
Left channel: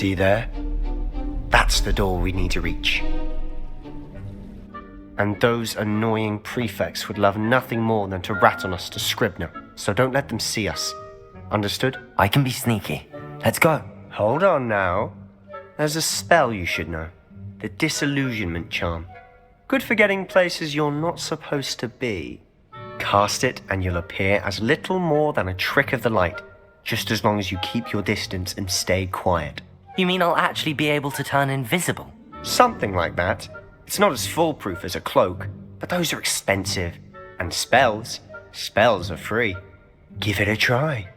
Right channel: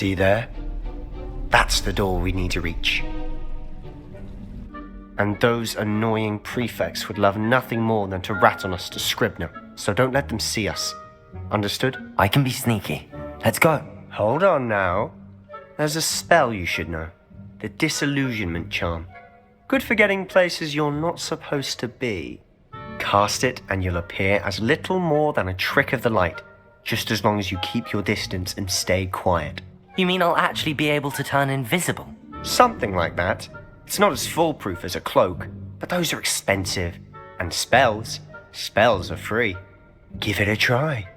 See there? That's the door we need to reach. And those annoying prefects would love nothing more than to rat on us to Scribner, so don't let them see us. Understood? I can be sneaky. Let's go. Hold on now. There's a spell you should know. The Disillusionment Charm. Good for getting places you're not supposed to be. Cast it and you'll appear as little more than a trick of the light, just as long as you keep your distance and stay quiet. You mean I'll actually be able to turn invisible? Something like that. It's not as foolproof as a cloak, but those are expensive. And spells are free. Give it a try.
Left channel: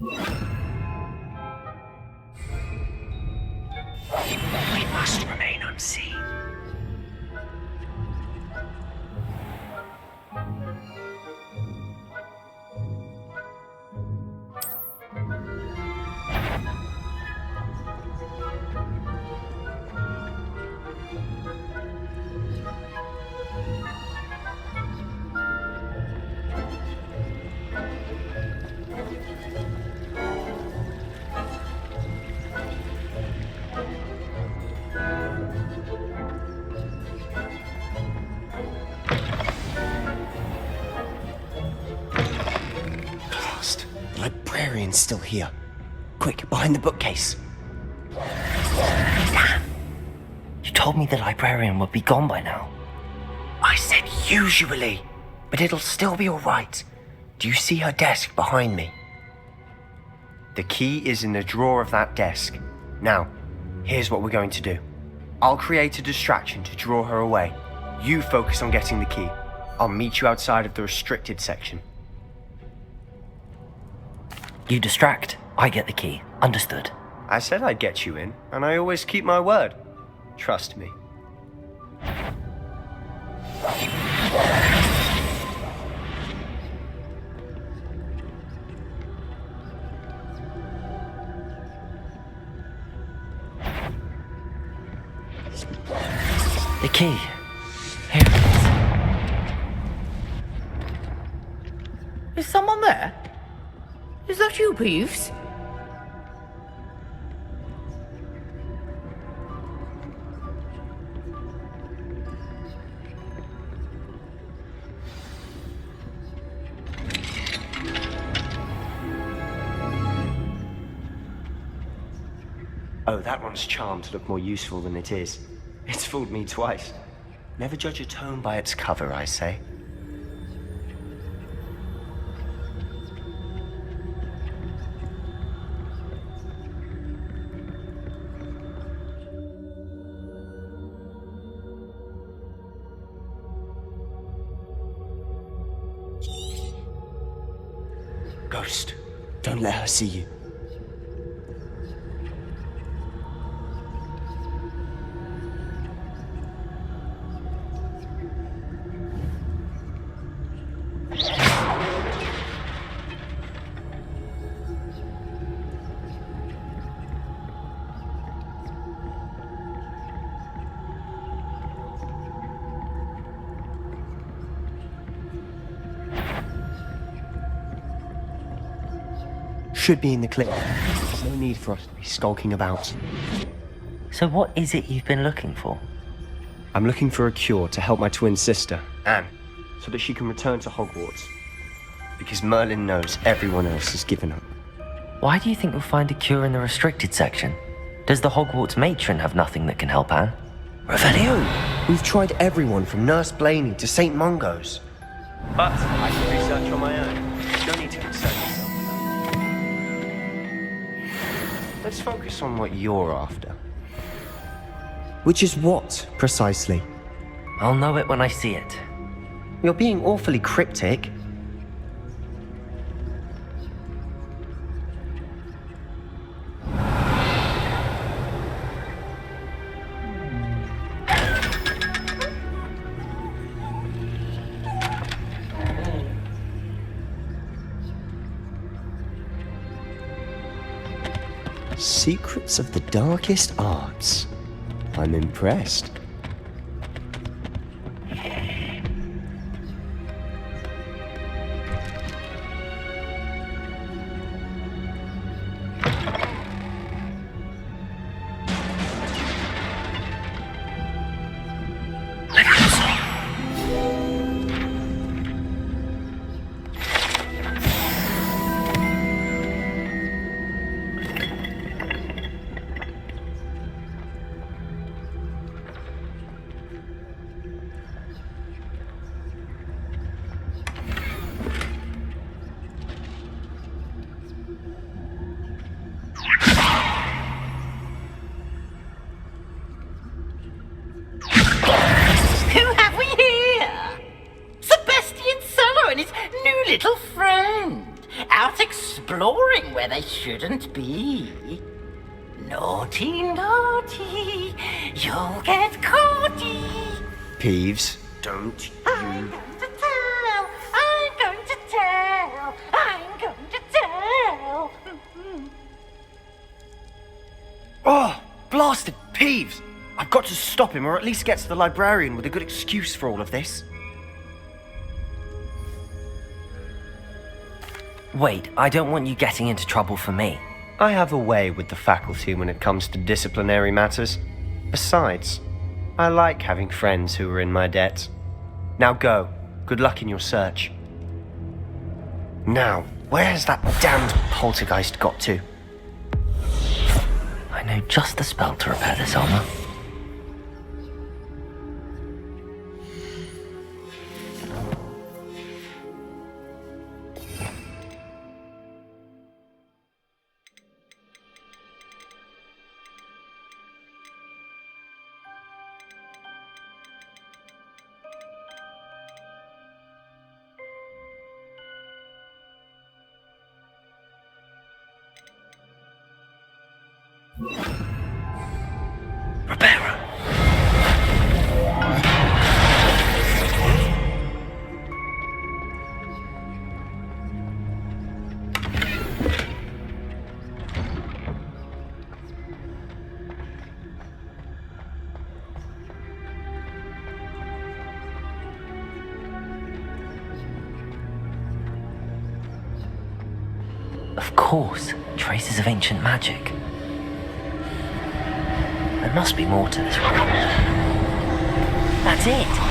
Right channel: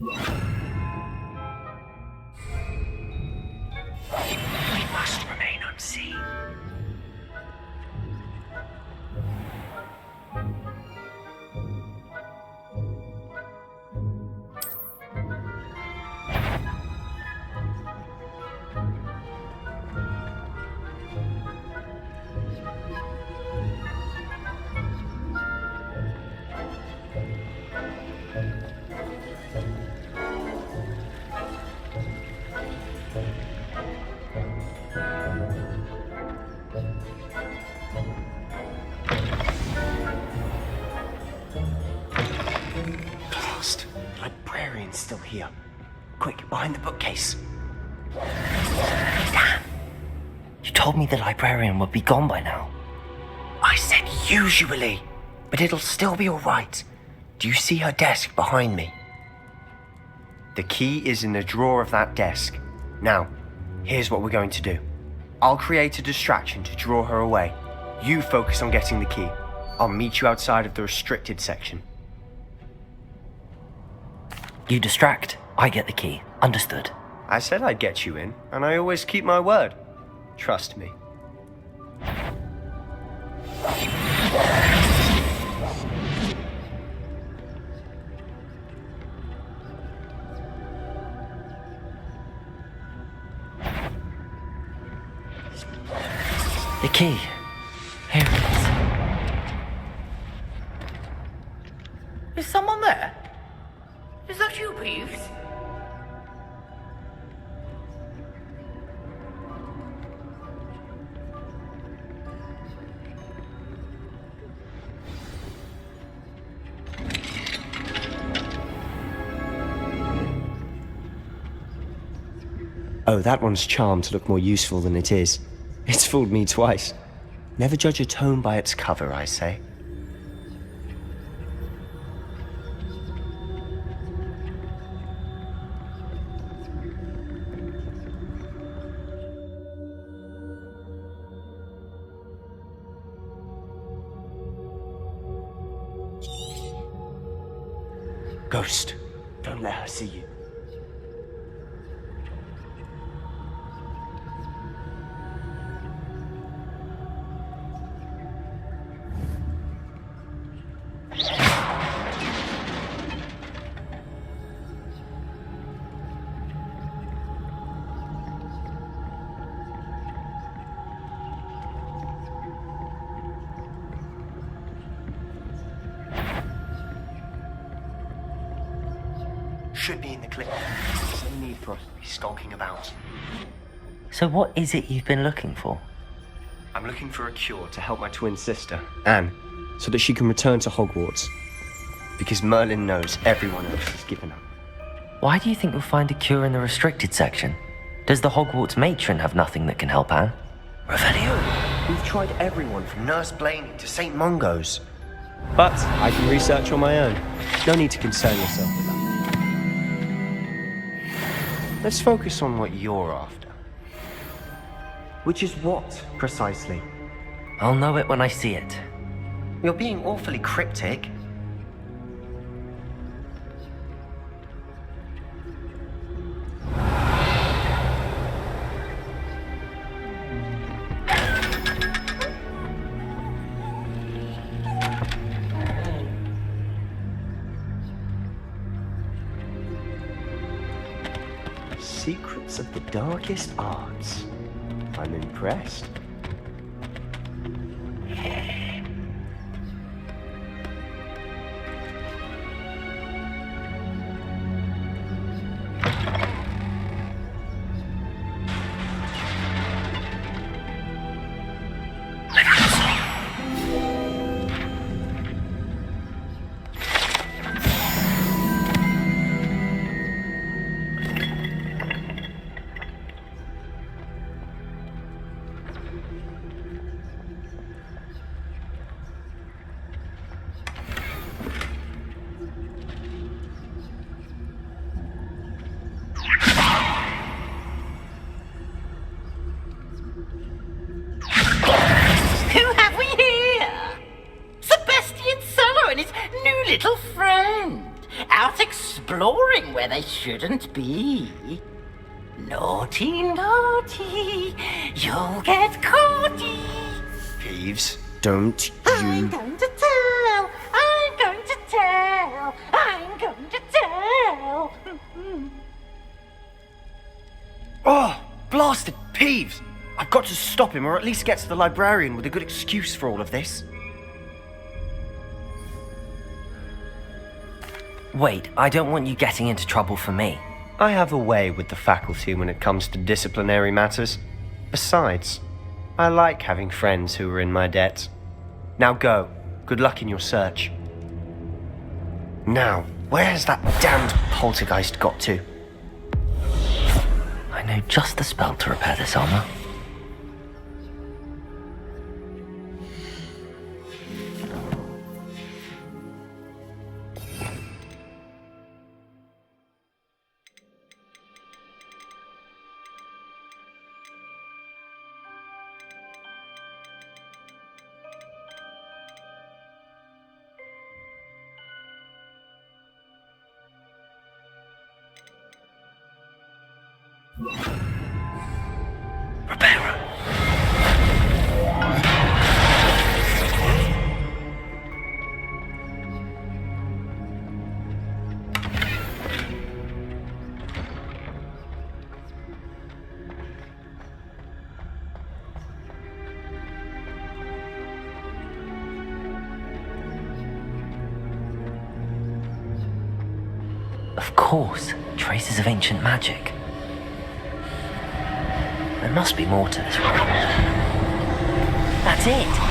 We must remain unseen. Still here. Quick, behind the bookcase. Damn! You told me the librarian would be gone by now. I said usually, but it'll still be alright. Do you see her desk behind me? The key is in the drawer of that desk. Now, here's what we're going to do. I'll create a distraction to draw her away. You focus on getting the key. I'll meet you outside of the restricted section. You distract, I get the key. Understood. I said I'd get you in, and I always keep my word. Trust me. The key. Here it Is someone there? Is that you, Peeves? Oh, that one's charmed to look more useful than it is. It's fooled me twice. Never judge a tome by its cover, I say. Ghost, don't let her see you. Should be in the clip. There's no need for us to be skulking about. So what is it you've been looking for? I'm looking for a cure to help my twin sister, Anne, so that she can return to Hogwarts. Because Merlin knows everyone else has given up. Why do you think you'll find a cure in the restricted section? Does the Hogwarts matron have nothing that can help Anne? Revelio! We've tried everyone from Nurse Blaney to St. Mungo's. But I can research on my own. No need to concern yourself with that. Let's focus on what you're after. Which is what, precisely? I'll know it when I see it. You're being awfully cryptic. Secrets of the darkest arts. I'm impressed. Who have we here? Sebastian Cello and his new little friend, out exploring where they shouldn't be. Naughty, naughty, you'll get caughty. Peeves, don't you... I'm going to tell, I'm going to tell, I'm going to tell. Oh, blasted Peeves! I've got to stop him, or at least get to the librarian with a good excuse for all of this. Wait, I don't want you getting into trouble for me. I have a way with the faculty when it comes to disciplinary matters. Besides, I like having friends who are in my debt. Now go. Good luck in your search. Now, where's that damned poltergeist got to? I know just the spell to repair this armor. Of course, traces of ancient magic. There must be more to this room. That's it!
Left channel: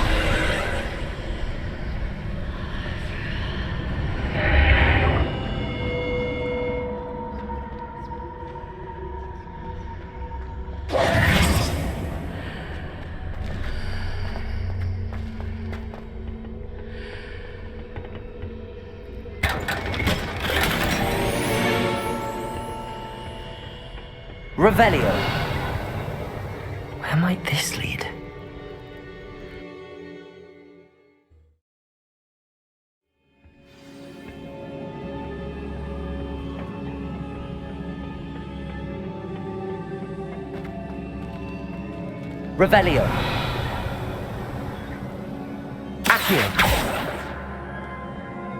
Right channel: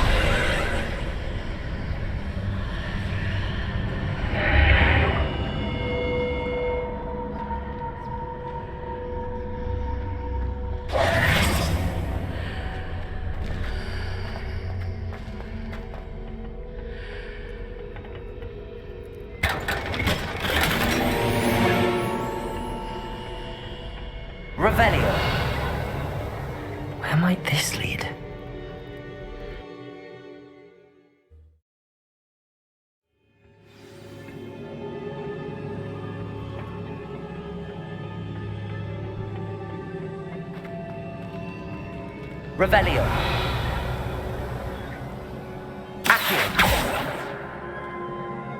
Revelio. Where might this lead? Revelio. Accio.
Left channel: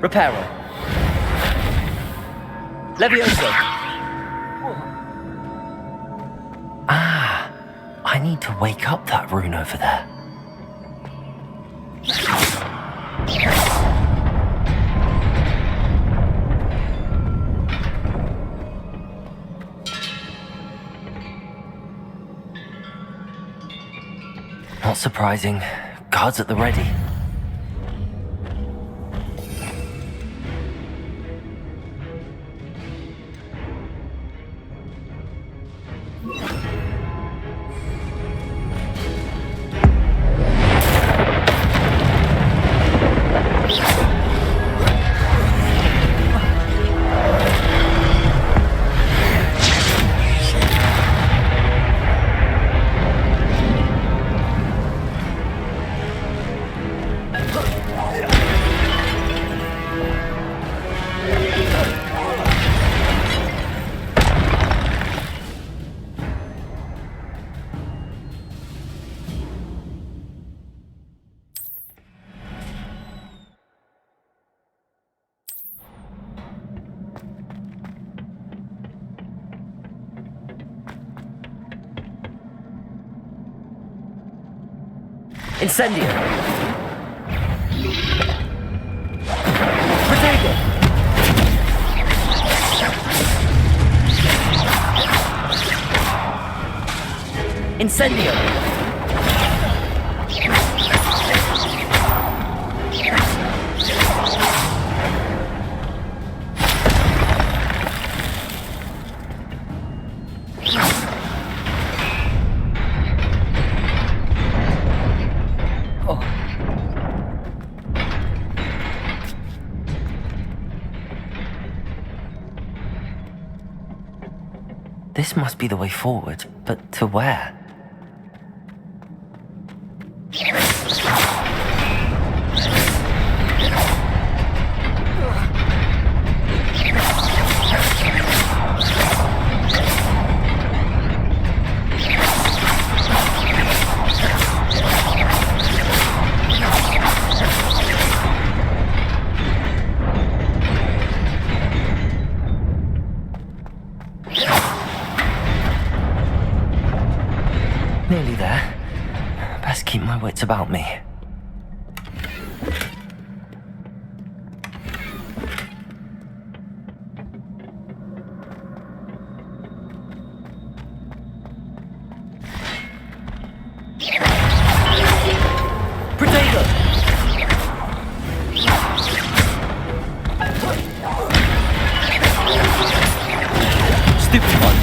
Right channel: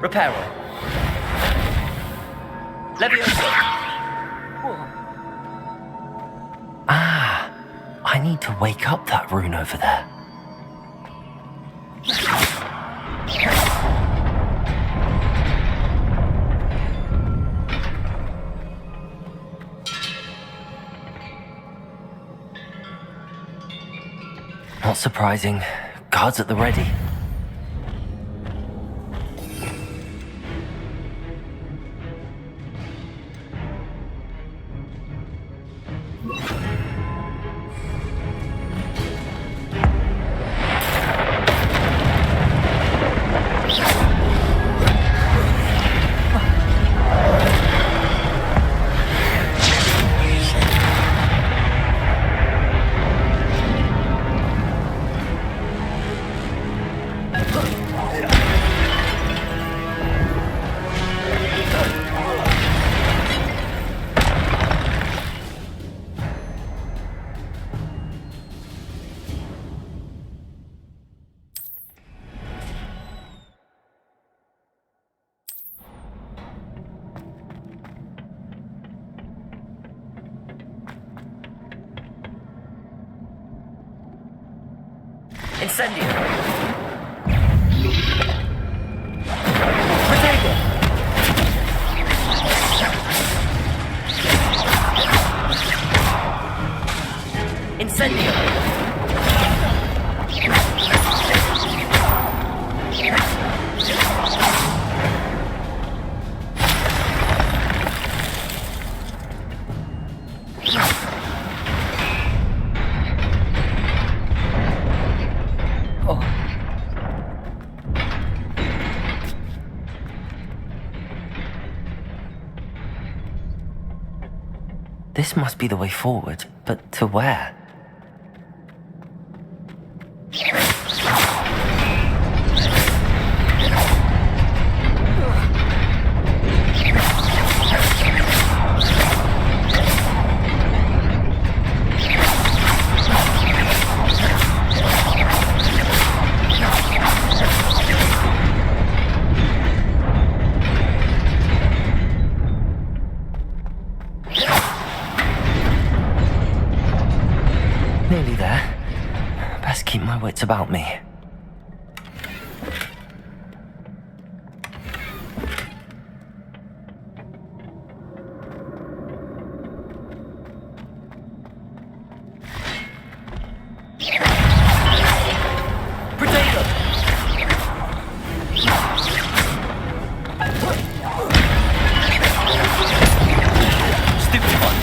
Reparo. Levioso. Ah, I need to wake up that rune over there. Not surprising. Guards at the ready. Incendio! Protego! Incendio! This must be the way forward, but to where? Nearly there. Best keep my wits about me. Protego! Stupid one.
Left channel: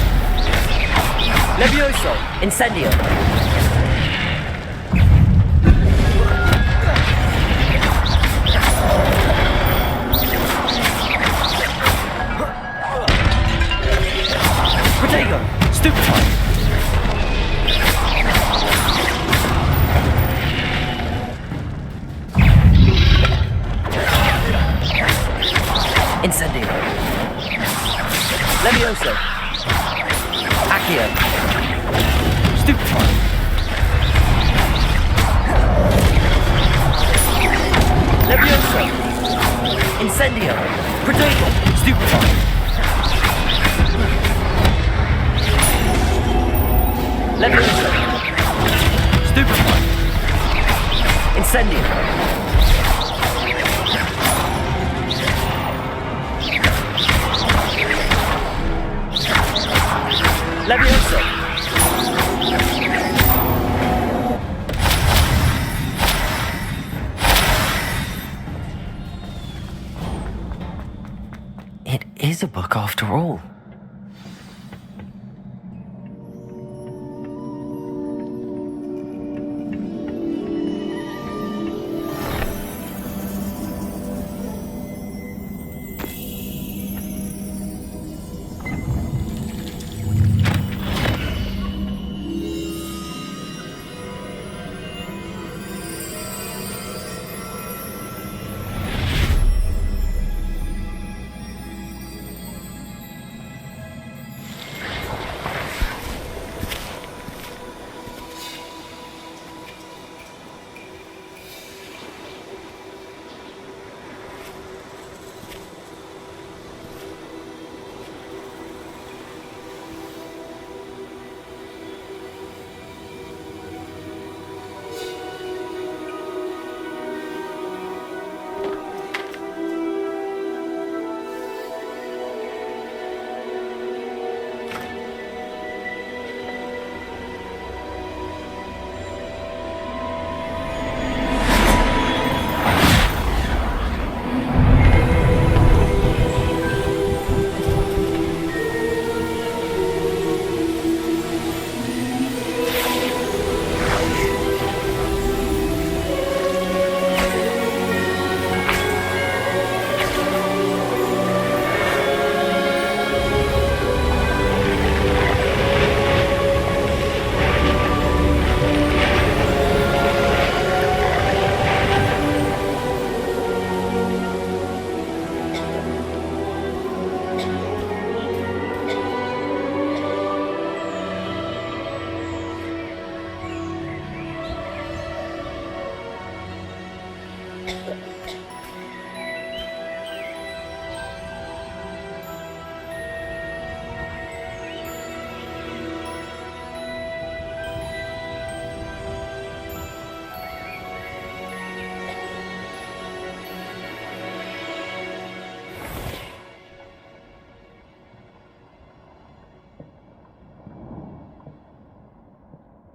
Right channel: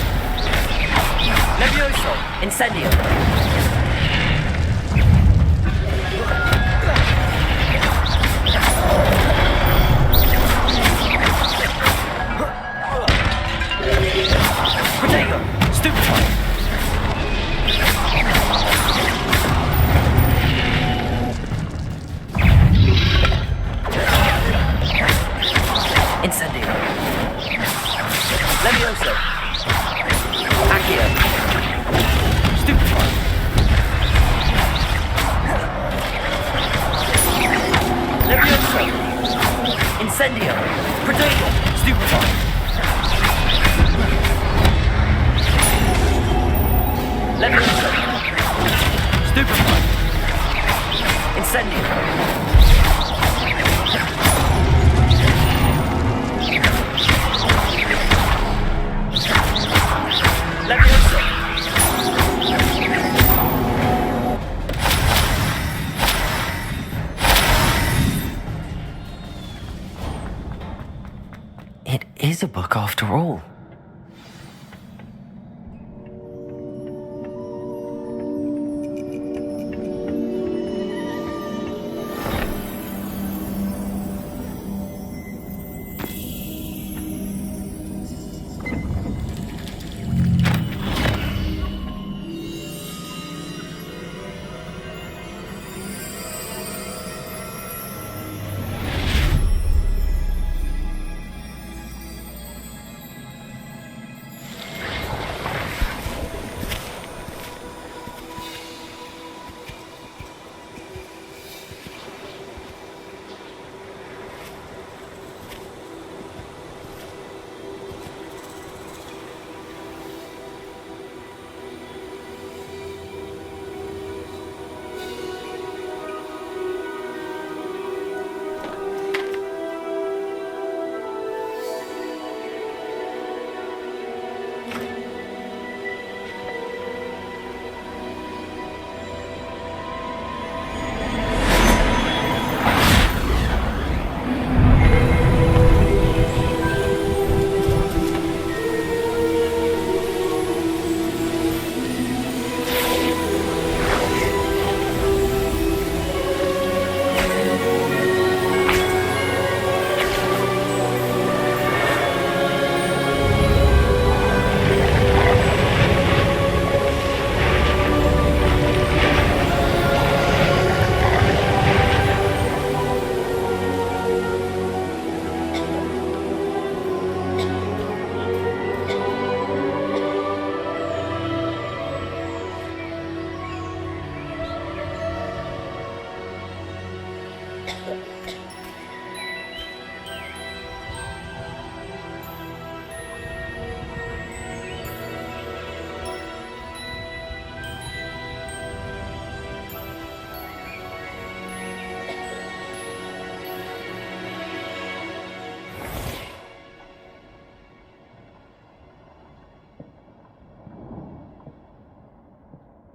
Levioso! Incendio! Protego! Stupid one! Incendio! Levioso! Accio! Stupid one! Levioso! Incendio! Protego! Stupid one! Levioso! Stupid one! Incendio! Levioso! It is a book after all.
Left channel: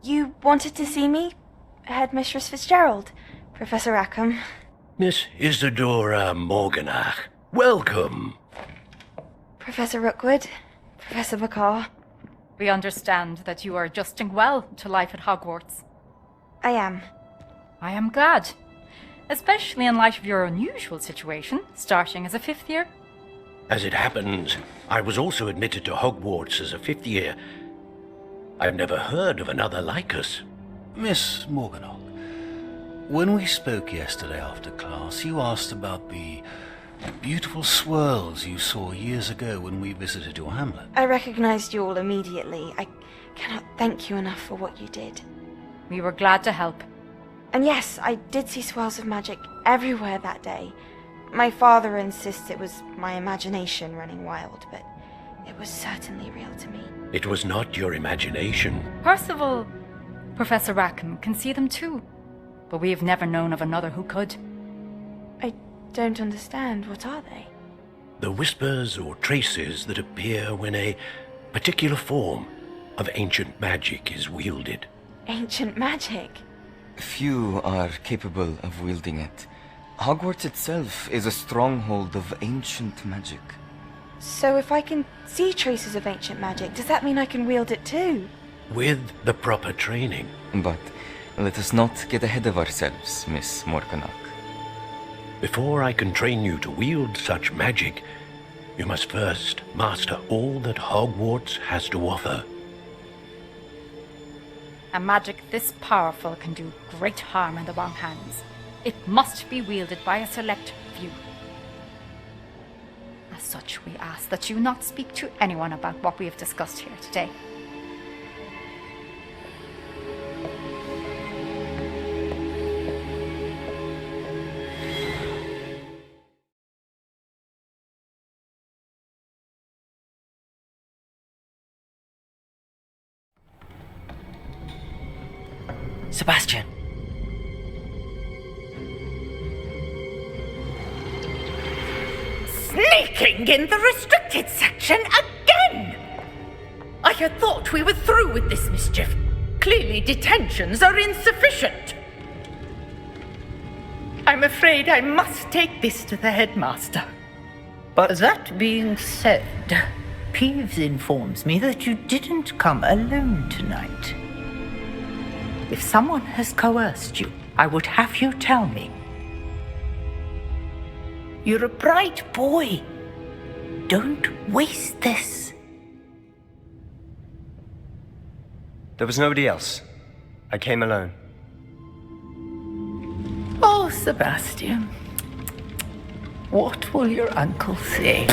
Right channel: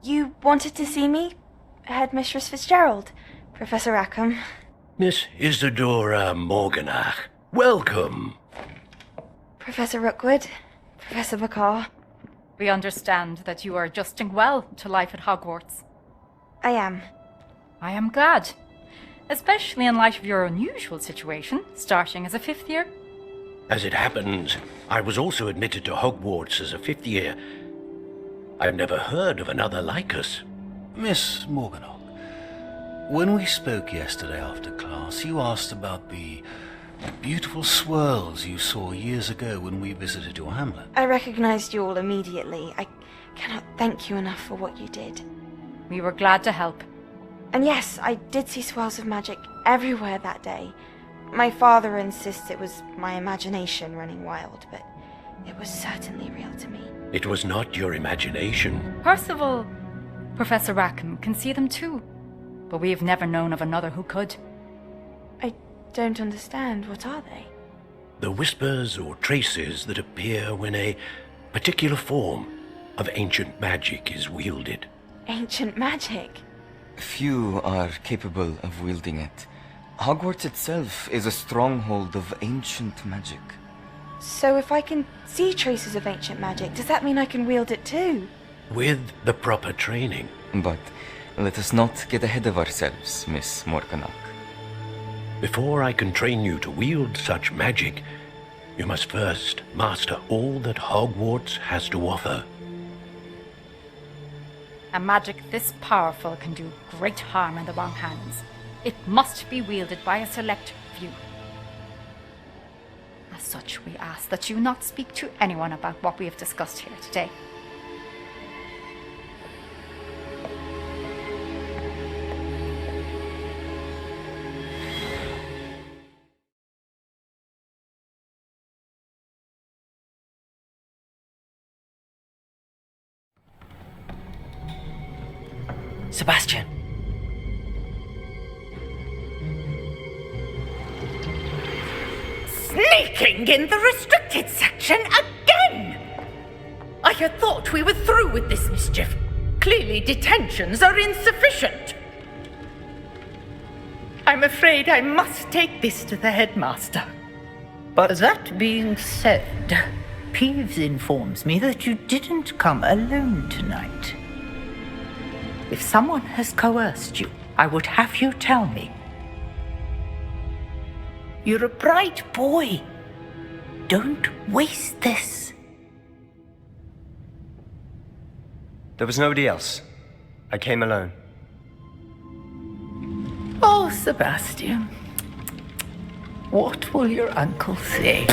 You wanted to see me? Headmistress Fitzgerald, Professor Rackham. Miss Isadora Morganach, welcome. Professor Rookwood, Professor McCaw. We understand that you are adjusting well to life at Hogwarts. I am. I am glad. Especially in light of your unusual situation, starting as a 5th year. As it happens, I was also admitted to Hogwarts as a 5th year. I've never heard of another like us. Miss Morganach, when we spoke yesterday after class, you asked about the beautiful swirls you saw years ago when we visited your hamlet. I recognized you all immediately. I cannot thank you enough for what you did. We were glad to help. And yes, I did see swirls of magic everywhere that day. My father insists it was my imagination running wild, but it was certainly real to me. It was not your imagination. Percival, Professor Rackham can see them too, but we have never known of another who could. I don't understand. What are they? The whispers or traces that appear when a particular form of ancient magic is wielded. Ancient magic? Few are capable of wielding it. Hogwarts itself is a stronghold of ancient magic. So if I can see traces of ancient magic, does that mean I can wield it too? With the proper training. But let us not get ahead of ourselves, Miss Morganach. Before I can train you to wield such magic, you must first master all that Hogwarts has to offer. A magic this powerful can do great harm in the wrong hands. It must be wielded by a select few. As such, we ask that you not speak to anyone about what we have discussed here today. Sebastian! Sneaking in the restricted section again! I had thought we were through with this mischief. Clearly detentions are insufficient. I'm afraid I must take this to the headmaster. But that being said, Peeves informs me that you didn't come alone tonight. If someone has coerced you, I would have you tell me. You're a bright boy. Don't waste this. There was nobody else. I came alone. Oh, Sebastian. What will your uncle say?